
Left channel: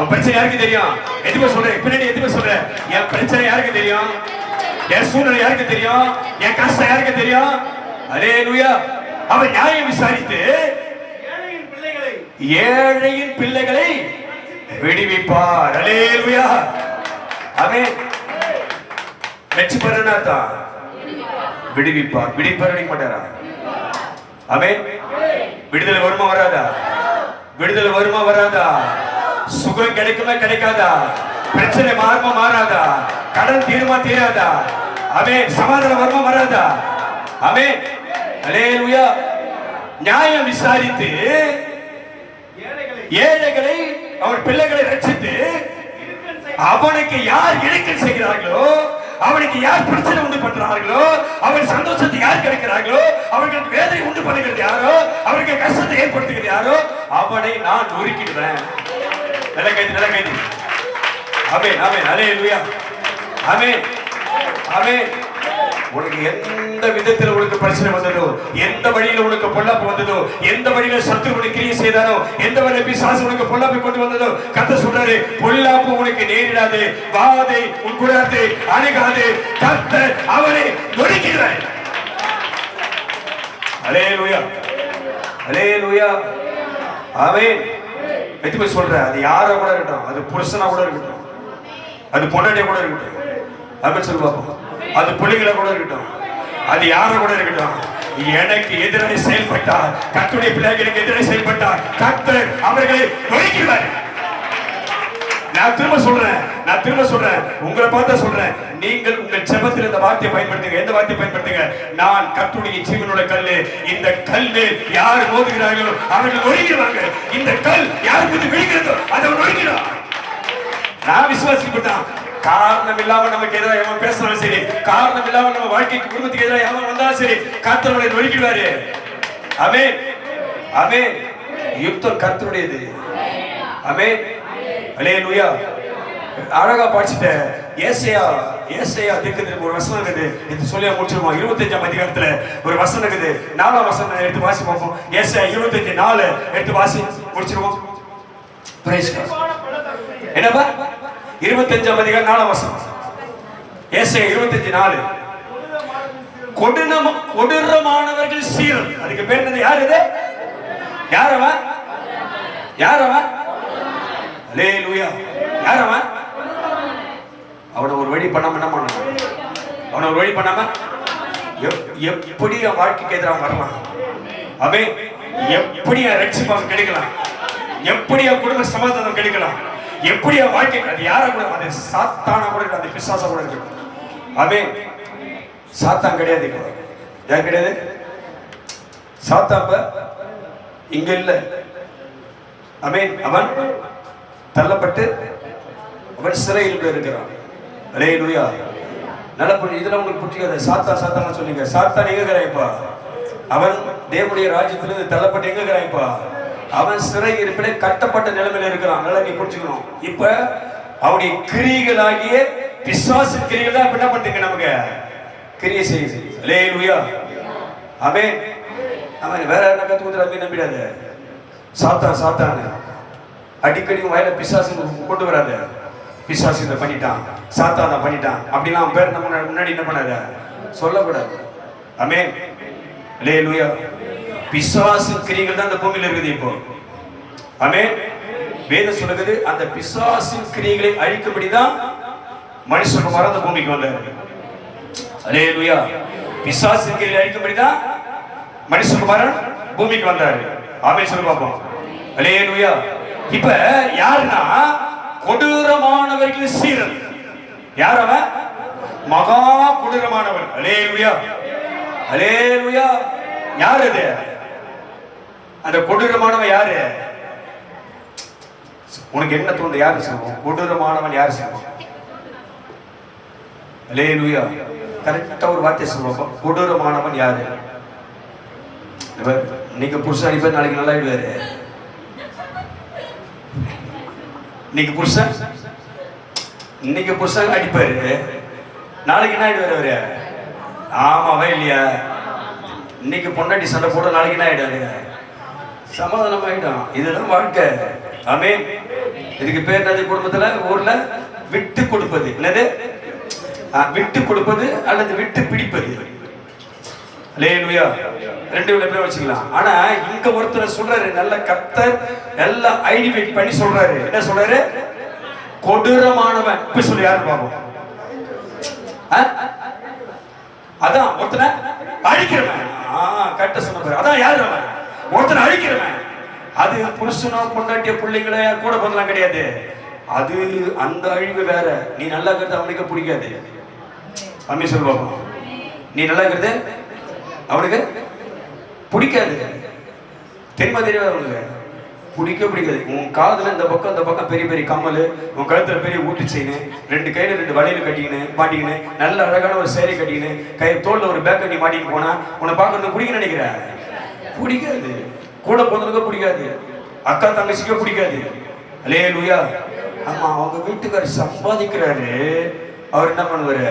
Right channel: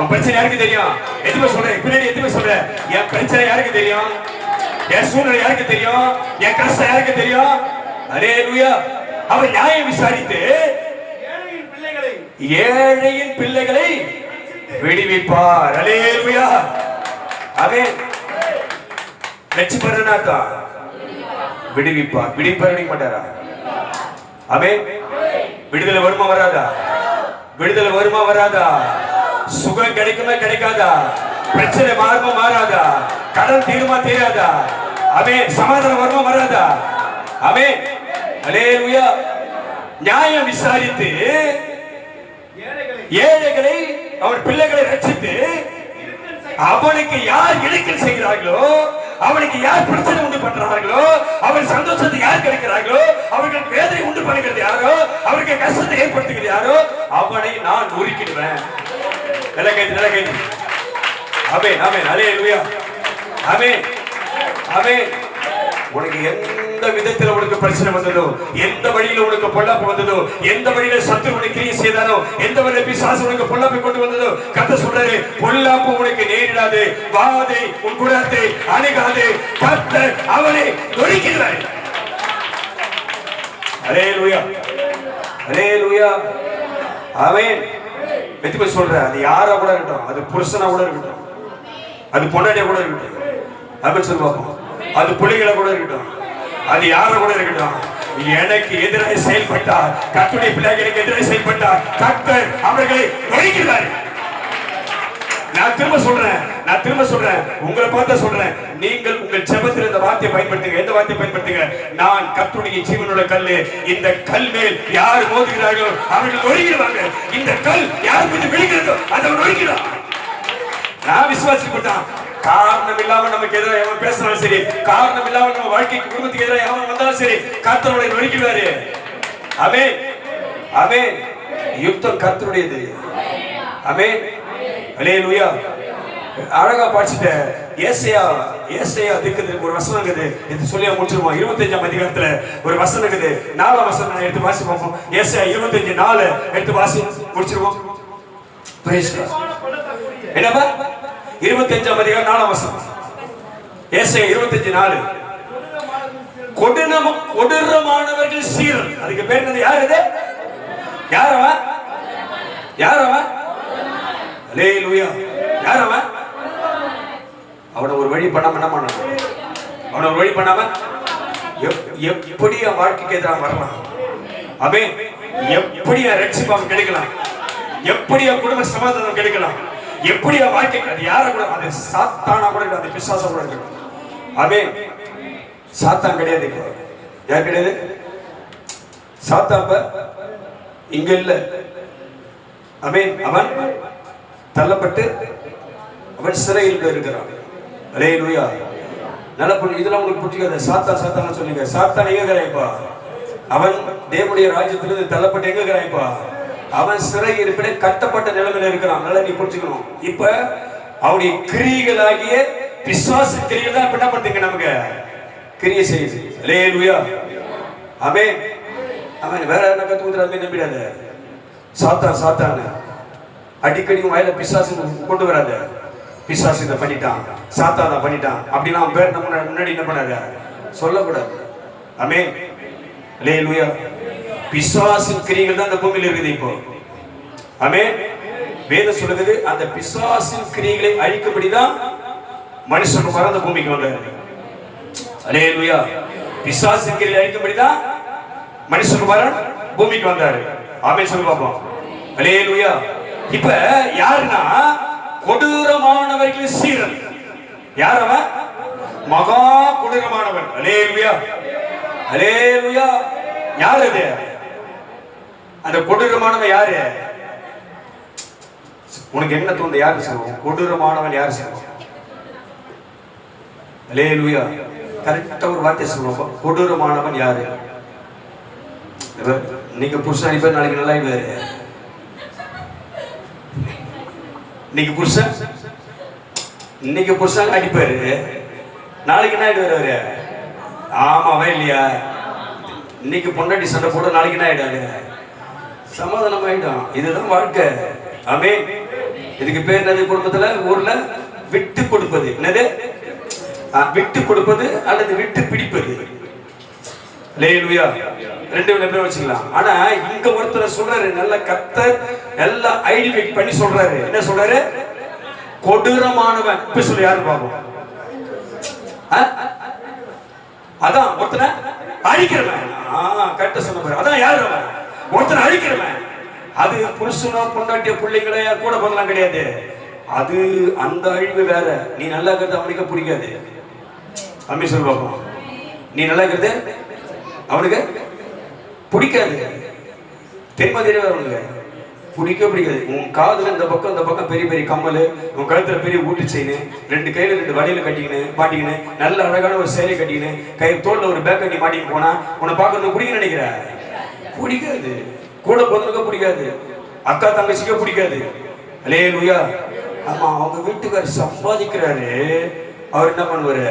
உன் பிரச்சனை யாருக்கு தெரியும்? எதுவுமே சொல்றேன். பின்னாடி எதுவுமே சொல்றேன். என் பிரச்சனை யாருக்கு தெரியும்? என் சூழ்நிலை யாருக்கு தெரியும்? என் கஷ்டம் யாருக்கு தெரியும்? அல்லேலூயா. அவர் நியாயம் விசாரித்து ஏழையின் பிள்ளைகளை விடுவிப்பார். அல்லேலூயா. ஆமென். வெற்றிபெறனாதா விடுவிப்பார். விடுவிப்பார் மாட்டாரா? ஆமென். விடுதலை வருமா வராதா? விடுதலை வருமா வராதா? சுகம் கிடைக்குமா கிடைக்காதா? பிரச்சனை மாறுமா மாறாதா? கடன் தீருமா தீராதா? ஆமென். சமாதானம் வருமா வராதா? ஆமென். அல்லேலூயா. நியாயம் விசாரித்து ஏழைகளை அவர் பிள்ளைகளை ரட்சித்து அவனுக்கு யார் இடுக்கண் செய்கிறார்களோ, அவனுக்கு யார் பிரச்சனை உண்டு பண்றார்களோ, அவன் சந்தோஷத்தை யார் கிடைக்கிறார்களோ, அவர்களுக்கு வேதனை உண்டு பண்ணுகிறது யாரோ, அவருக்கு கஷ்டத்தை ஏற்படுத்துகிறது யாரோ, அவனை நான் நொறுக்கிடுவேன். நல்ல கைது. ஆமென். அல்லேலூயா. ஆமென். உனக்கு எந்த விதத்தில் உனக்கு பிரச்சனை வந்ததோ, எந்த வழியில உனக்கு பொல்லாப்பு வந்ததோ, எந்த வழியில சத்துரு உனக்கு கிரியை செய்தானோ, எந்த வழியில பிசாசு உனக்கு பொல்லாப்பை கொண்டு வந்ததோ, கர்த்தர் சொல்றாரு, பொல்லாப்பு உனக்கு நேரிடாது, வாதை உன் குலத்தை அணுகாது, கர்த்தர் அவனை நொறுக்கிறார். அல்லேலூயா. ஆமென். வெற்றி சொல்ற அது யாரா கூட இருக்கட்டும், அது புருஷனா கூட இருக்கட்டும், அது பொண்டாட்டியா கூட இருக்கட்டும், அப்படின்னு சொல்லி பார்ப்போம். அது பிள்ளைகளை கூட இருக்கட்டும், அது யார கூட இருக்கட்டும், எனக்கு எதிராக செயல்பட்டார், கர்த்தருடைய பிள்ளைகளுக்கு எதிராக செயல்பட்டார், கர்த்தர் அவர்களை நொறுக்கிறார். நான் திரும்ப சொல்றேன், உங்களை பார்த்து சொல்றேன், நீங்கள் உங்கள் ஜெபத்தில் இந்த வார்த்தையை பயன்படுத்துங்க. எந்த வார்த்தையை பயன்படுத்துங்க? நான் கர்த்தருடைய ஜீவனுள்ள கல்லு, இந்த கல் மேல் யார் மோதுகிறார்களோ அவர்கள் ஒழுகிடுவாங்க. இந்த கல் யார் மீது விழுகிறதோ அதை ஒழுகிறான். நான் விசுவாசிப்பட்டான். காரணம் இல்லாம நமக்கு எதிராக எவன் பேசினாலும் சரி, காரணம் இல்லாம நம்ம வாழ்க்கைக்கு குடும்பத்துக்கு எதிராக எவன் வந்தாலும் சரி, கர்த்தருடைய ஒழுகிடுவாரு. ஆமென், ஆமென். யுத்தம் கர்த்தருடையது. ஆமென், அல்லேலூயா. அழகா படிச்சிட்ட ஏசாயா தீர்க்கதரிசி ஒரு வசனம் இருக்குது. இது சொல்லி முடிச்சிருமா? 25ஆம் அதிகாரத்துல ஒரு வசனம் இருக்குது. 4ஆம் வசனம் எடுத்து வாசி பார்ப்போம். ஏசாயா 25:4 எடுத்து வாசி முடிச்சிருவோம். Praise God. என்னப்பா? 25ஆம் அதிகாரம் 4ஆம் வசனம். ஏசாயா 25:4. கொடூரமானவர்கள் சீரன். அதுக்கு பேர் என்னது? யார் இது? யாரவன்? அல்லேலூயா. யாரவன்? அவனை ஒரு வழி பண்ணாம என்ன பண்ணணும்? அவனை ஒரு வழி பண்ணாம எப்படி அவன் வாழ்க்கைக்கு எதிராக வரலாம்? அவே எப்படி ரட்சிப்பான் கிடைக்கலாம்? எப்படி குடும்ப சமாதானம் கிடைக்கலாம்? எப்படி வாழ்க்கை? அது யார கூட? அது சாத்தானா கூட, அது பிசாசா கூட இருக்கு. அவே சாத்தான் கிடையாது. யார் கிடையாது? சாத்தாப்ப இங்க இல்ல. அமேன். அவன் தள்ளப்பட்டு அவன் சிறையில் இருக்கிறான். அல்லேலூயா. நல்ல புரிஞ்சு. இதெல்லாம் உங்களுக்கு புரிஞ்சுக்காது. சாத்தான் சொல்லுங்க. சாத்தான் எங்க இருக்கிறாய்ப்பா? அவன் தேவனுடைய ராஜ்யத்திலிருந்து தள்ளப்பட்டு எங்க இருக்கிறாய்ப்பா? அவன் சிறை இருப்பிட கட்டப்பட்ட நிலைமையில இருக்கிறான். நல்லா நீ புரிஞ்சுக்கணும். இப்ப அவனுடைய கிரியைகளாகிய பிசாசு கிரியைகள் தான் என்ன பண்ணுங்க? நமக்கு கிரியை செய்யுது. அல்லேலூயா. ஆமென். அவன் வேற என்ன கத்து கொடுத்து நம்பிடாத. சாத்தான் அடிக்கடி வயல பிசாசு கொண்டு வராத. பிசாசு இதை பண்ணிட்டான், சாத்தான் தான் பண்ணிட்டான் அப்படின்னா அவன் பேர் நம்ம முன்னாடி என்ன பண்ணாத, சொல்லக்கூடாது. ஆமென், அல்லேலூயா. பிசாசு கிரியைகள் தான் இந்த பூமியில இருக்குது இப்போ. ஆமென். வேதம் சொல்லுது, அந்த பிசாசின் கிரியைகளை அழிக்கும்படிதான் மனுஷகுமாரன் அந்த பூமிக்கு வந்தார். அல்லேலூயா. பிசாசின் கிரியைகளை அழிக்கும்படிதான் மனுஷகுமாரன் பூமிக்கு வந்தார். ஆமென் சொல்லு பாப்போம். அல்லேலூயா. இப்ப யாருன்னா கொடூரமானவர்கள் சீரன். யார் அவன்? மகா கொடூரமானவன். அல்லேலூயா, அல்லேலூயா. யார் அது? அந்த கொடூரமானவன் யாரு? உனக்கு என்ன தோணுது? யாரு சொல்லுவோம்? கொடூரமானவன் யாரு சொல்லுவோம்? அல்லேலூயா. கரெக்டா ஒரு வார்த்தை சொல்லுவோம். கொடூரமானவன் யாரு? நீங்க புருஷன் அனுப்பி நாளைக்கு நல்லா ஆயிடுவாரு. இன்னைக்கு புருஷன் அடிப்பாரு, நாளைக்கு என்ன ஆயிடுவாரு அவரு? ஆமாவா இல்லையா? இன்னைக்கு பொண்டாட்டி சண்டை போட நாளைக்கு என்ன ஆயிடாரு? சமாதானம் ஆயிடும். இதுதான் வாழ்க்கை. ஆமென். இதுக்கு பேர் என்னது? குடும்பத்துல ஊர்ல விட்டு கொடுப்பது. என்னது? விட்டு கொடுப்பது அல்லது விட்டு பிடிப்பது. அல்லேலூயா. ரெண்டு பேரும் வச்சுக்கலாம். ஆனா இங்க ஒருத்தர் சொல்றாரு, நல்ல கர்த்தர் எல்லாம் ஐடென்டிஃபை பண்ணி சொல்றாரு. என்ன சொல்றாரு? கொடூரமானவன். இப்ப சொல்லி யாரு பாப்போம்? அதான் ஒருத்தனை அழிக்கிறவன். கரெக்டா சொன்ன பாரு. அதான் யாரு அவன்? ஒருத்தனை அழிக்கிறவன். அது புருஷனோ பொண்டாட்டியோ பிள்ளைங்களே கூட பண்ணலாம் கிடையாது. அது அந்த அழிவு வேற. நீ நல்லா இருக்கிறது அவனுக்கு பிடிக்காது. அம்மி சொல்லு பாப்போம். நீ நல்லா இருக்கிறது அவனுக்கு பிடிக்காது. தென்மதிரே அவனுக்கு பிடிக்காது. உன் காதுல இந்த பக்கம் பெரிய பெரிய கம்மல், உன் கழுத்துல பெரிய ஊட்டு செயின், ரெண்டு கையில ரெண்டு வளையல் கட்டிக்கின்னு மாட்டிக்கின்னு, நல்ல அழகான ஒரு சேலை கட்டிக்கின்னு, கை தோல்ல ஒரு பேக் கட்டி மாட்டிக்கிட்டு போனா உன்னை பார்க்கறது பிடிக்க நினைக்கிற? பிடிக்காது. கூட பொண்ணுங்க பிடிக்காது, அக்கா தங்கச்சிக்க பிடிக்காது. அல்லேலூயா. ஆமா, அவங்க வீட்டுக்காரர் சம்பாதிக்கிறாரு, அவர் என்ன பண்ணுவாரு?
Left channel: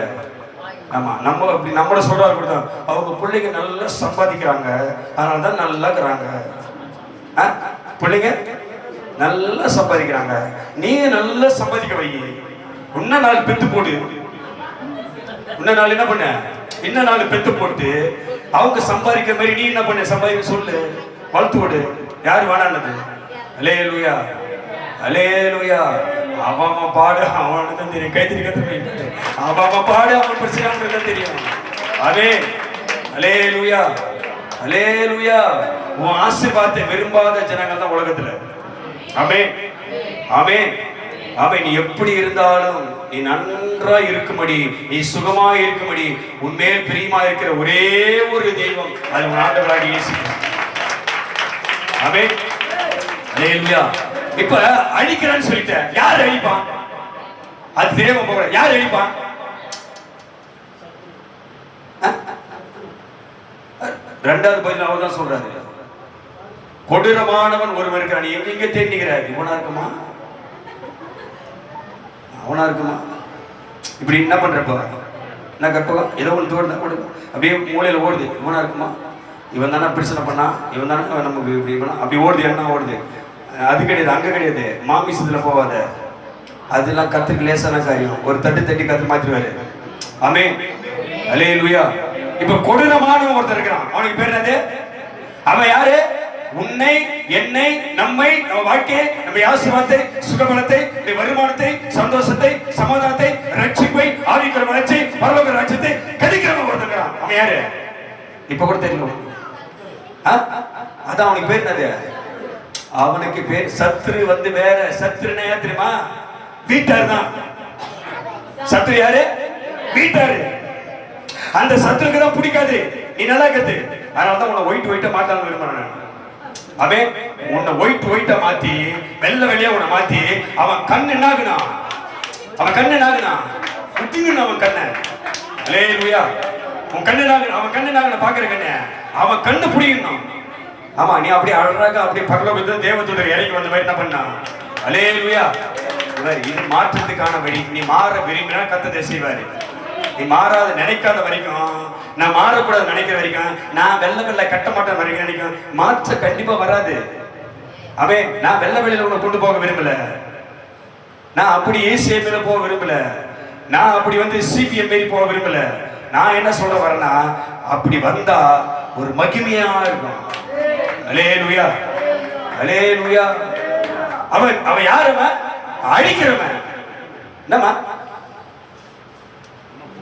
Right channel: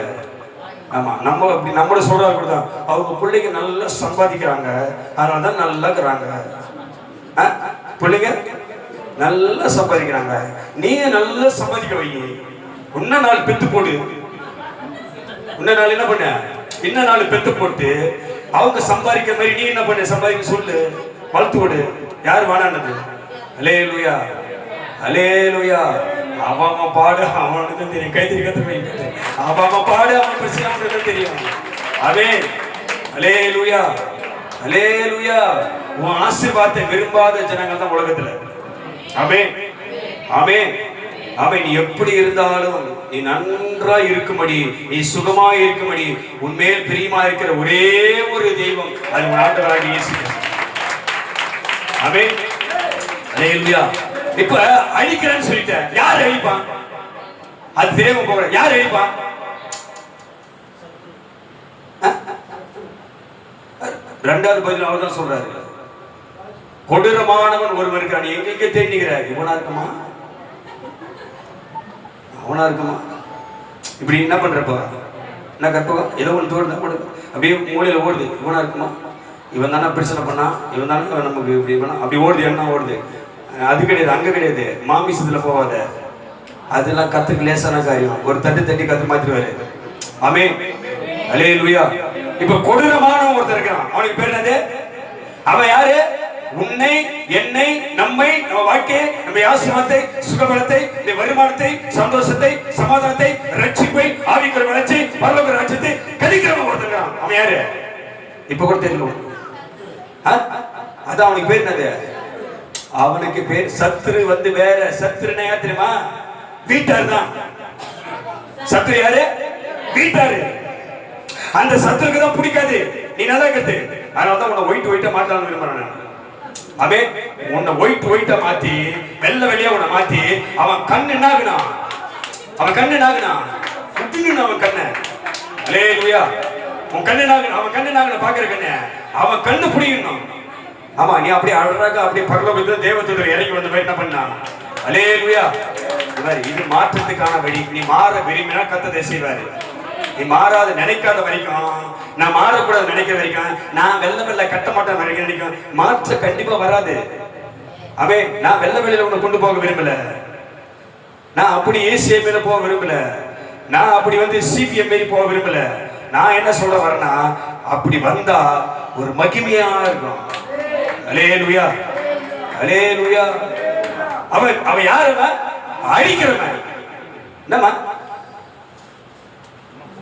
ஆமா, நம்ம அப்படி நம்மள சொல்றாரு அப்படிதான். அவங்க பிள்ளைங்க நல்லா சம்பாதிக்கிறாங்க, அதனாலதான் நல்லா இருக்கிறாங்க. பிள்ளைங்க நல்லா சம்பாதிக்கிறாங்க, நீங்க நல்லா சம்பாதிக்க வை. இன்னும் நாலு பெத்து போடு. இன்னும் நாள் என்ன பண்ண? இன்னும் நாலு பெத்து போட்டு அவங்க சம்பாதிக்கிற மாதிரி நீ என்ன பண்ண? சம்பாதிக்க சொல்லு, வளர்த்து விடு. யாரு வேணானது? அல்லேலூயா, அல்லேலூயா. அவன் பாடு அவனுக்கு தெரியும். கைத்தறி கத்துக்க. அவன் பாடு அவன் பிரச்சனை அவனுக்கு தெரியும். ஆமென், அல்லேலூயா, அல்லேலூயா. உன் ஆசீர்வாதத்தை விரும்பாத ஜனங்கள் தான் உலகத்துல. ஆமென், ஆமென். அவன் நீ எப்படி இருந்தாலும் நீ நன்றா இருக்கும்படி, நீ சுகமா இருக்கும்படி, உன்மேல் பிரியமா இருக்கிற ஒரே ஒரு தெய்வம் அது உன் ஆண்டவராகிய இயேசு. ஆமென். அல்லேலூயா. இப்ப அழிக்கிறேன்னு சொல்லிட்டேன், யார் அழிப்பான்? அது தெரியாம போற, யார் அழிப்பான்? இரண்டாவது பதில் அவர் தான் சொல்றாரு, கொடூரமானவன் ஒருவர் இருக்கிறான். எங்க தேடிக்கிறார்? இவனா இருக்குமா, அவனா இருக்குமா? இப்படி என்ன பண்றப்ப என்ன கற்பகம் ஏதோ ஒன்று தோடுது, அப்படியே மூலையில ஓடுது. இவனா இருக்குமா? இவன் தானே பிரச்சனை பண்ணா, இவன் தானே நமக்கு இப்படி பண்ணா, அப்படி ஓடுது. என்ன ஓடுது? அது கிடையாது, அங்க கிடையாது. மாமிசத்துல போவாத, அதெல்லாம் கத்துக்கு லேசான காரியம். ஒரு தட்டு தட்டி கத்து மாத்திருவாரு. ஆமென். அல்லேலூயா. இப்ப கொடூரமானவன் ஒருத்தர் இருக்கிறான். அவனுக்கு பேர் என்னது? அவன் யாரு? உன்னை, என்னை, நம்மை, நம்ம வாழ்க்கையை, நம்ம ஆசீர்வாதத்தை, சுகபலத்தை, வருமானத்தை, சந்தோஷத்தை, சமாதானத்தை, ரட்சிப்பை, ஆவிக்குற வளர்ச்சி, பரலோக ராஜ்யத்தை கழிக்கிறவன் ஒருத்தர் இருக்கிறான். அவன் யாரு? இப்ப கூட தெரியும். அதான் அவனுக்கு பேர் என்னது? அவனுக்கு பேர் சத்ரு. வந்து வேற சத்ருன்னா யார் தெரியுமா? வீட்டார் தான். சத்ரு யாரு? வீட்டாரு. அந்த சத்ருக்கு தான் பிடிக்காது நீ நல்லா இருக்கிறது. அதனாலதான் உன்னை ஒயிட் ஒயிட்டா மாத்தலாம்னு விரும்புறேன். அவே உன்னை ஒயிட்டா மாத்தி வெள்ளை வெள்ளையா உன்னை மாத்தி அவன் கண்ணு என்னாகுனா, அவன் கண்ணு என்னாகுனா குத்தின்னு அவன் கண்ண. அல்லேலூயா. உன் கண்ணு என்னாகுனா, அவன் கண்ணு என்னாகுனா பாக்குற கண்ணு, அவன் கண்ணு பிடிக்கணும். ஆமா, நீ அப்படியே அழகாக அப்படியே பரலோகத்துல தேவதூதர் இறங்கி வந்த மாதிரி என்ன பண்ணா? அல்லேலூயா. இது மாற்றத்துக்கான வழி. நீ மாற விரும்பினா கர்த்தர் செய்வாரு. நீ மாறாத நினைக்காத வரைக்கும், நான் மாறக்கூடாது நினைக்கிற வரைக்கும், நான் வெள்ள வெள்ள கட்ட மாட்டேன் நினைக்கும், மாற்ற கண்டிப்பா வராது. அவன் நான் வெள்ள வெளியில உன்னை கொண்டு போக விரும்பல, நான் அப்படி ஏசிய மேல போக விரும்பல, நான் அப்படி வந்து சிபிஎம் மாரி போக விரும்பல. நான் என்ன சொல்ல வரேன்னா, அப்படி வந்தா ஒரு மகிமையா இருக்கும். அல்லேலூயா. அல்லேலூயா. அவன் யார்? அவன் அழிக்கிறவன். என்னமா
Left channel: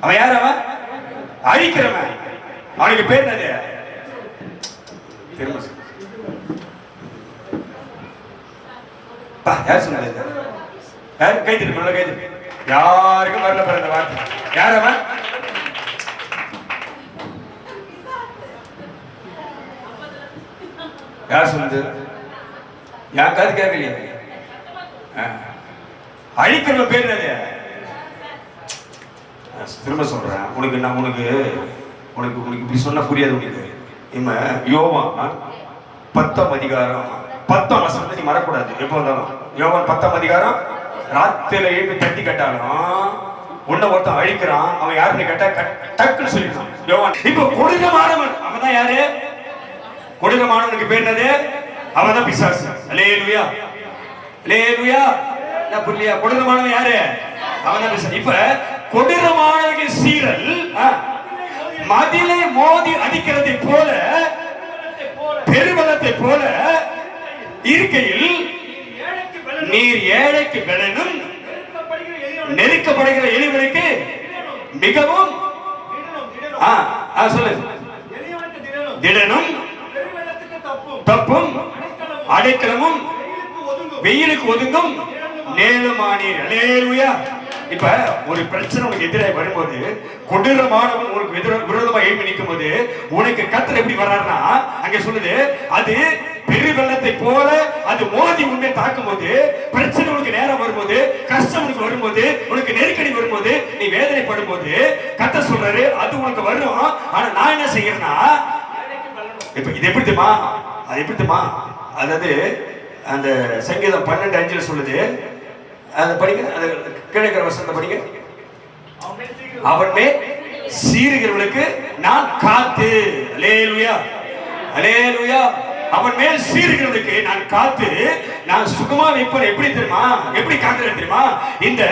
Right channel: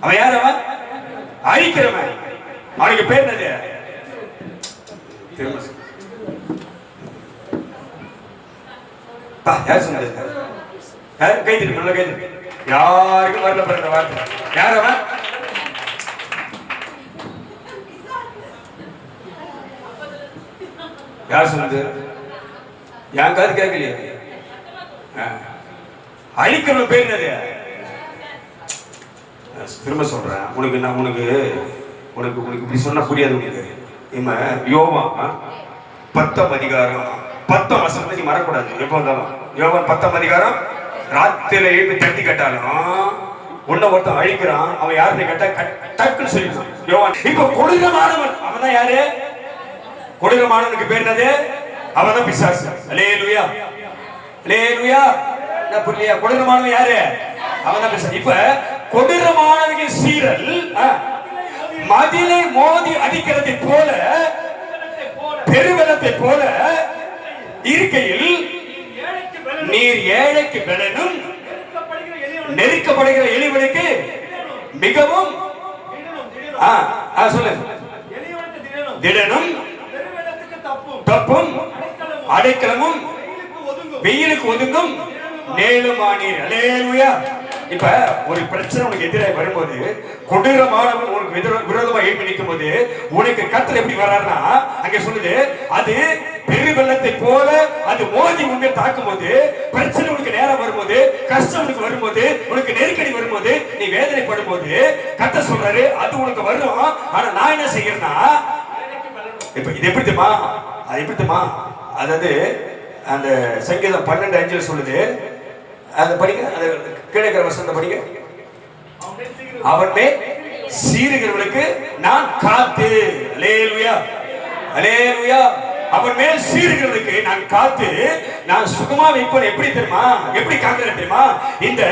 அவன் யார்? அவன் அழிக்கிறவன். அவனுக்கு பேர் என்னது? யார் சொன்னது? யாரு கை திருப்பி கை திருப்பி. யாருக்கும் வரல பிறந்த வார்த்தை. யார் அவன்? யார் சொன்னது? யார் காது கேட்கலையே. அழிக்கிறவன் பேர் என்னது? திரும்ப சொல்றேன், உனக்கு நான் உனக்கு உனக்கு உனக்கு இப்படி சொன்னா புரியாது உனக்கு. யோவான் 10ஆம் அதிகாரம் 10ஆம் வசனத்தை நீ மறக்கூடாது எப்போ வந்தாலும். யோவான் 10ஆம் அதிகாரம், ராத்திரில எழுப்பி தட்டி கேட்டாலும் உன்னை ஒருத்தன் அழிக்கிறான், அவன் யாருன்னு கேட்டா டக்குன்னு சொல்லிடுறான் யோவான். இப்ப கொடூரமானவன் அவன் தான் யாரு? கொடூரமானவனுக்கு பேர் என்னது? அவன் தான் பிசாசு. அல்லேலூயா. அல்லேலூயா. என்ன புரியலையா? கொடூரமானவன் யாரு? அவன் தான் பிசாசு. இப்ப கொடூரமானவர்கள் சீரல் மதிலை மோதி அடிக்கிறதை போல, பெருவெள்ளத்தை போல இருக்கையில் நீர் ஏழைக்கு பலனும் நெருக்கப்படுகிற எளிவனுக்கு மிகவும் சொல்லு திடனும் தப்பும் அடைக்கலமும் வெயிலுக்கு ஒதுங்கும் நேலுமானீர். அல்லேலூயா. இப்ப ஒரு பிரச்சனை உனக்கு எதிராக வரும்போது, கொடூரமானவன் உனக்கு விரோதமா எழுப்பி நிற்கும் போது உனக்கு கர்த்தர் எப்படி வர்றாருன்னா, அங்க சொல்லுது, அது பெருவெள்ளத்தை போல அது மோதி உன்னை தாக்கும் போது, பிரச்சனை உனக்கு நேரம் வரும்போது, கஷ்டம் உனக்கு வரும்போது, உனக்கு நெருக்கடி வரும்போது, நீ வேதனைப்படும் போது கர்த்தர் சொல்றாரு அது உனக்கு வரும். ஆனா நான் என்ன செய்யறேன்னா, இப்ப இது எப்படி தெரியுமா? அது எப்படி தெரியுமா? அதாவது அந்த சங்கீதம் 12:5 சொல்லுது, அந்த படிங்க, அந்த கீழே வசனத்தை படிங்க. அவன் மேல் சீறுகிறவர்களுக்கு நான் காத்து. அல்லேலூயா. அல்லேலூயா. அவன் மேல் சீறுகிறவர்களுக்கு நான் காத்து நான் சுகமா வைப்பேன். எப்படி தெரியுமா? எப்படி காக்கிறேன் தெரியுமா? இந்த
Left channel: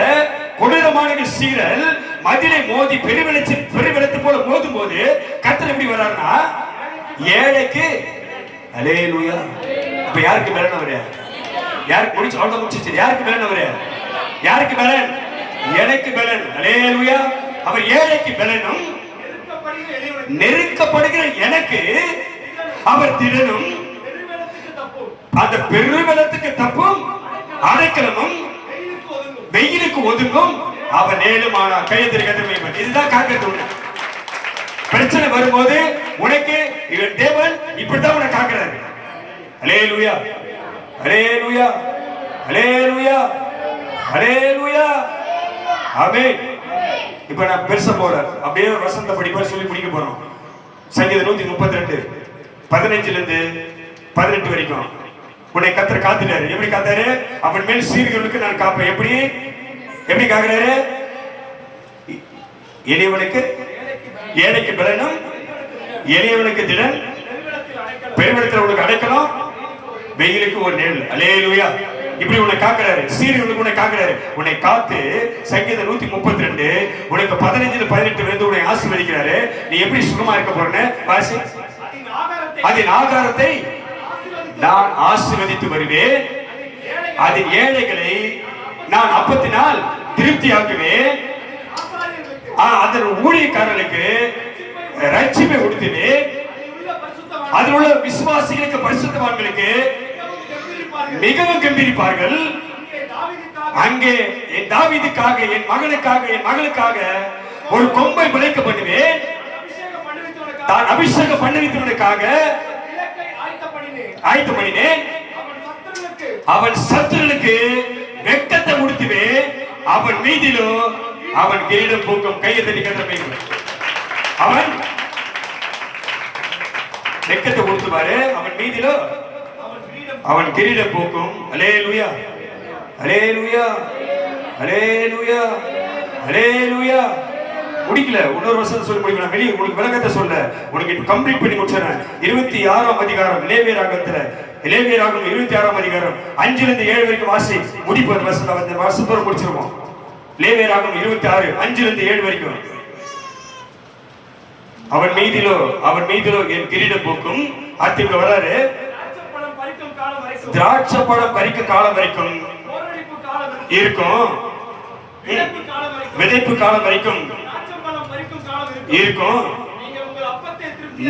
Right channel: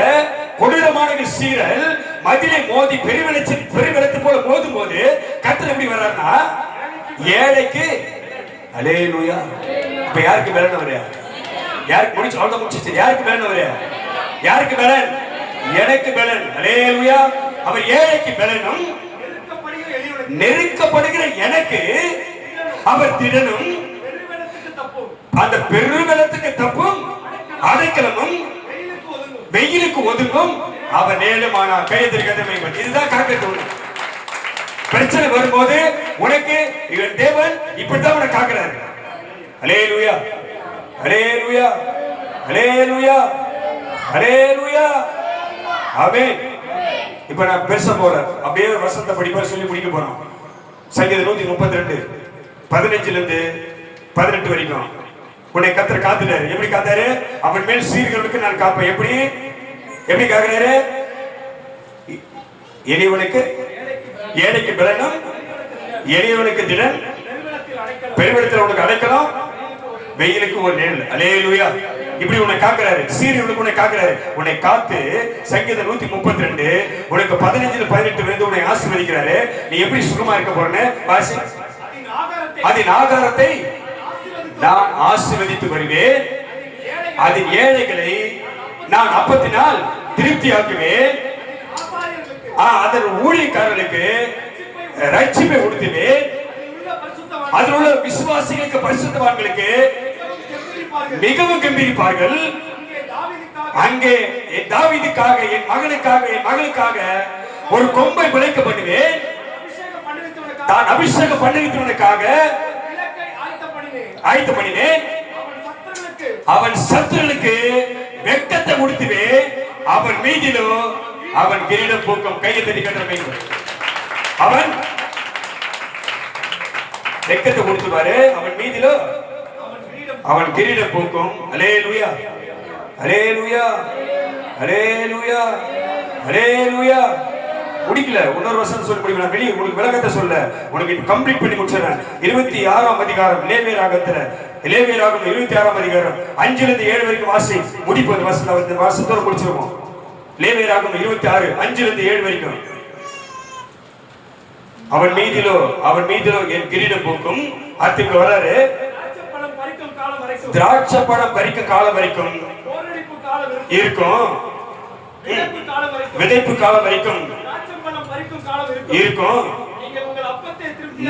கொடூரமான சீரல் மதிலை மோதி பெருவெள்ளத்தை போல மோதும் போது கர்த்தர் எப்படி வர்றாருன்னா, ஏழைக்கு. அல்லேலூயா. இப்ப யாருக்கு பலன் வர? யாருக்கு முடிச்சு அவ்வளவு முடிச்சு? யாருக்கு பலன் வர? யாருக்கு பலன்? எனக்கு பலன். அல்லேலூயா. அவன் ஏழைக்கு பலனும் நெருக்கப்படுகிற எனக்கு அவர் திடனும் அந்த பெருவெள்ளத்துக்கு தப்பும் அடைக்கலமும் வெயிலுக்கு ஒதுங்கும் அவன் நேலுமானா. கையெழுத்து கதமை. இதுதான் காக்கிறது. பிரச்சனை வரும்போது உனக்கு இவன் தேவன் இப்படித்தான் உனக்கு காக்கிறாரு. அல்லேலூயா, அல்லேலூயா, அல்லேலூயா, அல்லேலூயா. ஆமென். இப்ப நான் பெருசா போல அப்படியே வசந்த படிப்பா சொல்லி முடிக்க போறோம். சங்கீதம் 132 15 இருந்து 18 வரைக்கும். உன்னை கர்த்தர் காத்துட்டாரு. எப்படி காத்தாரு? அவன் மேல் சீர்களுக்கு நான் காப்பேன். எப்படி காக்கிறாரு? எளியவனுக்கு ஏழைக்கு பலனும், எளியவனுக்கு திடன், பெருவெள்ளத்தில் உனக்கு அடைக்கலம், வெயிலுக்கு ஒரு நிழல். அல்லேலூயா. இப்படி உன்னை காக்கிறாரு. சீரியனுக்கு உன்னை காக்கிறாரு. உன்னை காத்து சங்கீதம் 132 உனக்கு 15 18 வந்து உன்னை ஆசீர்வதிக்கிறாரு. நீ எப்படி சுகமா இருக்க போறன்னு வாசி. அதன் ஆகாரத்தை நான் ஆசீர்வதித்து வருவேன். அது ஏழைகளை நான் அப்பத்தினால் திருப்தியாக்குவேன். அதன் ஊழியக்காரர்களுக்கு ரட்சிப்பை கொடுத்துவேன். அதில் உள்ள விசுவாசிகளுக்கு பரிசுத்தவான்களுக்கு மிகவும் கம்பீரிப்பார்கள். அங்கே என் தாவீதுக்காக, என் மகனுக்காக, என் மகளுக்காக ஒரு கொம்பை பிழைக்க பண்ணுவேன். நான் அபிஷேகம் பண்ணுவித்தவனுக்காக ஆயத்த பண்ணினேன். அவன் சத்துருளுக்கு வெட்கத்தை உடுத்துவேன். அவன் மீதிலோ அவன் கிரீடம் பூக்கும். கையை தட்டி கட்டுற அவன் வெட்கத்தை கொடுத்துவாரு. அவன் மீதிலோ அவன் கிரீடம் பூக்கும். அல்லேலூயா, அல்லேலூயா, அல்லேலூயா, அல்லேலூயா. முடிக்கல, இன்னொரு வருஷம் சொல்லி முடிக்கல. வெளியே உங்களுக்கு விளக்கத்தை சொல்ல உனக்கு கம்ப்ளீட் பண்ணி முடிச்சிடறேன். 26ஆம் அதிகாரம் லேவியராகத்துல, லேவியராகம் 26ஆம் அதிகாரம் 5 இருந்து 7 வரைக்கும் வாசி. முடிப்பு அந்த வருஷத்தோட முடிச்சிருவோம். லேவியராகம் 26 5 இருந்து 7 வரைக்கும். அவன் மீதிலோ என் கிரீடம் பூக்கும். அடுத்து வராரு. திராட்சை பழம் பறிக்கும் காலம் வரைக்கும் இருக்கும். விதைப்பு காலம் வரைக்கும் இருக்கும்.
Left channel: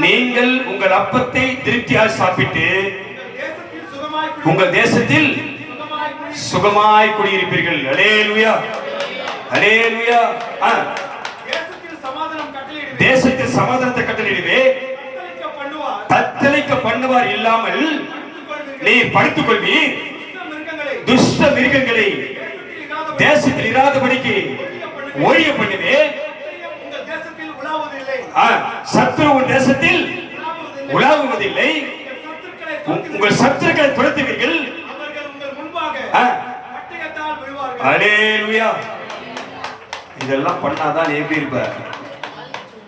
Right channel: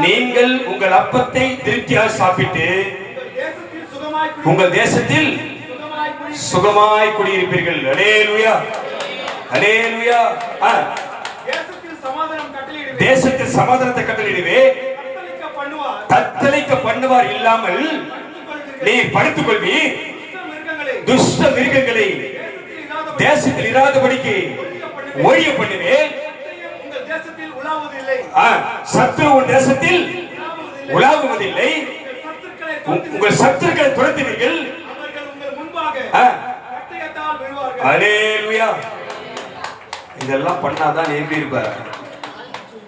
நீங்கள் உங்கள் அப்பத்தை திருப்தியாய் சாப்பிட்டு உங்கள் தேசத்தில் சுகமாய் குடியிருப்பீர்கள். அல்லேலூயா, அல்லேலூயா. தேசத்தில் சமாதானத்தை கட்டளையிடுவே. தத்தளிக்க பண்ணுவார் இல்லாமல் நீர் படுத்துக் கொள்வீர். துஷ்ட மிருகங்களை தேசத்தில் இராதபடிக்கு ஒழிய பண்ணுவேன். சத்துரு உன் தேசத்தில் உலாவுவதில்லை. உங்கள் சத்துருக்களை துரத்துவீர்கள். அல்லேலூயா. இதெல்லாம் பண்ணாதான் நீ எப்படி இருப்ப?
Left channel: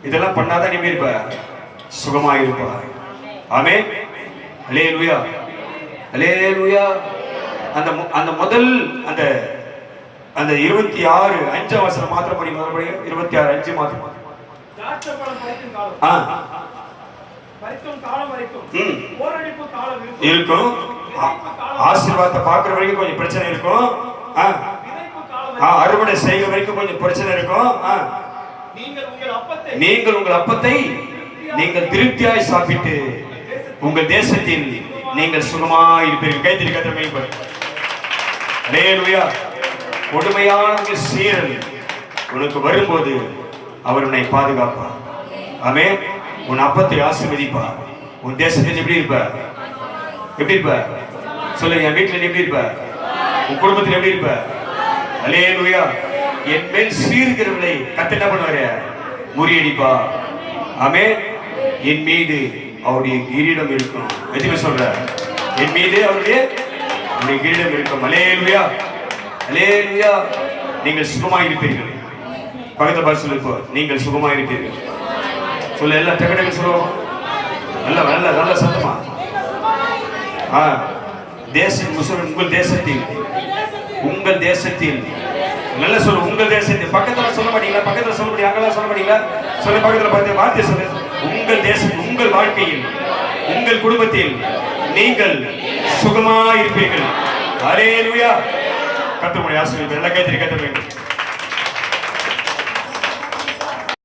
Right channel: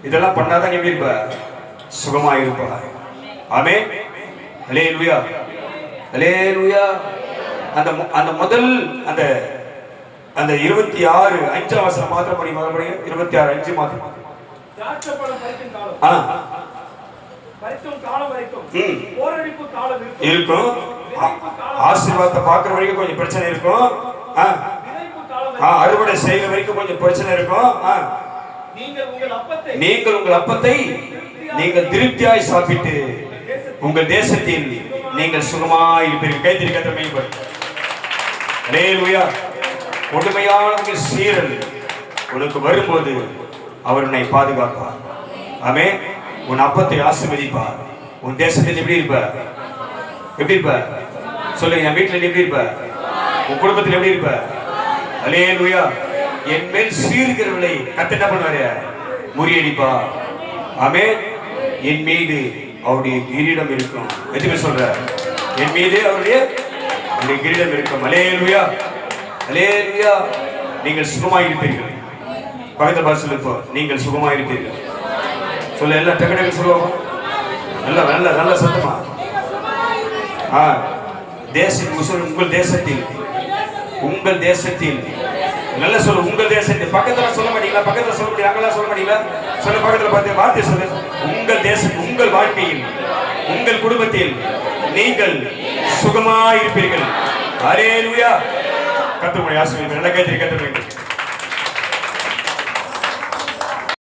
இதெல்லாம் பண்ணாதான் நீ எப்படி இருப்ப? சுகமாக இருப்பார். ஆமென். அல்லேலூயா, அல்லேலூயா. அந்த முதல் அந்த 26 5 வசனம் மாத்திரம் படி. முதல் படி 26 5 மாத்திரம். இருக்கும். ஆசீர்வாதத்தை பார்க்கிற வரைக்கும் கொஞ்சம் பிரச்சனை இருக்கும். அறுவடை செய்கிற வரைக்கும் கொஞ்சம் பிரச்சனை இருக்கும். நீங்கள் உங்கள் அப்பத்தை நீங்கள் திருப்தியாய் சாப்பிட்டு உங்கள் தேசத்தில் நீங்கள் சுகமாய் இருப்பீர்கள். கைத்திரி கத்திரமே. அல்லேலூயா. கொடுமையான சீரல் உனக்கு வரும்போது அவர் உன்னை பாதுகாப்பார். ஆமென். உன் அப்பத்தை ஆசீர்வதிப்பார். உன் தேசத்தில் எப்படி இருப்ப? எப்படி இருப்ப? சொல்லுங்க. என் வீட்டில் எப்படி இருப்ப? உன் குடும்பத்தில் எப்படி இருப்ப? அல்லேலூயா. என் மேல் சீர்கிறவர்களை கர்த்தர் என்ன பண்ணுவாரு? முறியடிப்பா. ஆமென். என் மீது அவருடைய கிரீடம் இருக்கும். எதுக்கு சொல்ற? என் மீது அவருடைய கிரீடம் இருக்கும். அல்லேலூயா, அல்லேலூயா. நீங்கள் சுகமாய் இருப்பீர்கள். பக்கத்து பாஷையில் நீங்கள் சுகமாய் இருப்பீர்கள். சொல்ல எல்லாம் டக்கு சொல்லுவோம். நல்ல நல்ல நல்ல சத்தமா. உங்கள் தேசத்தில், உங்கள் தேசத்தில் நல்ல சொல்ல. உங்கள் தேசத்தில் பக்கத்துல சொல்ல மாட்டீங்களா? பக்கத்துல சொல்ல முடியும். அங்கெல்லாம் சொல்ல மாட்டீங்களா? சொல்ல. பக்கத்துல பார்த்து வார்த்தை சொல்ல. உங்கள் தேசம், உங்கள் வாழ்க்கையில், உங்கள் குடும்பத்தில் நீங்கள் சுகமாய் இருப்பீர்கள். அல்லேலூயா. கர்த்தருடைய ஆசீர்வாதம். நல்ல கைத்தறி கத்த வேண்டும்.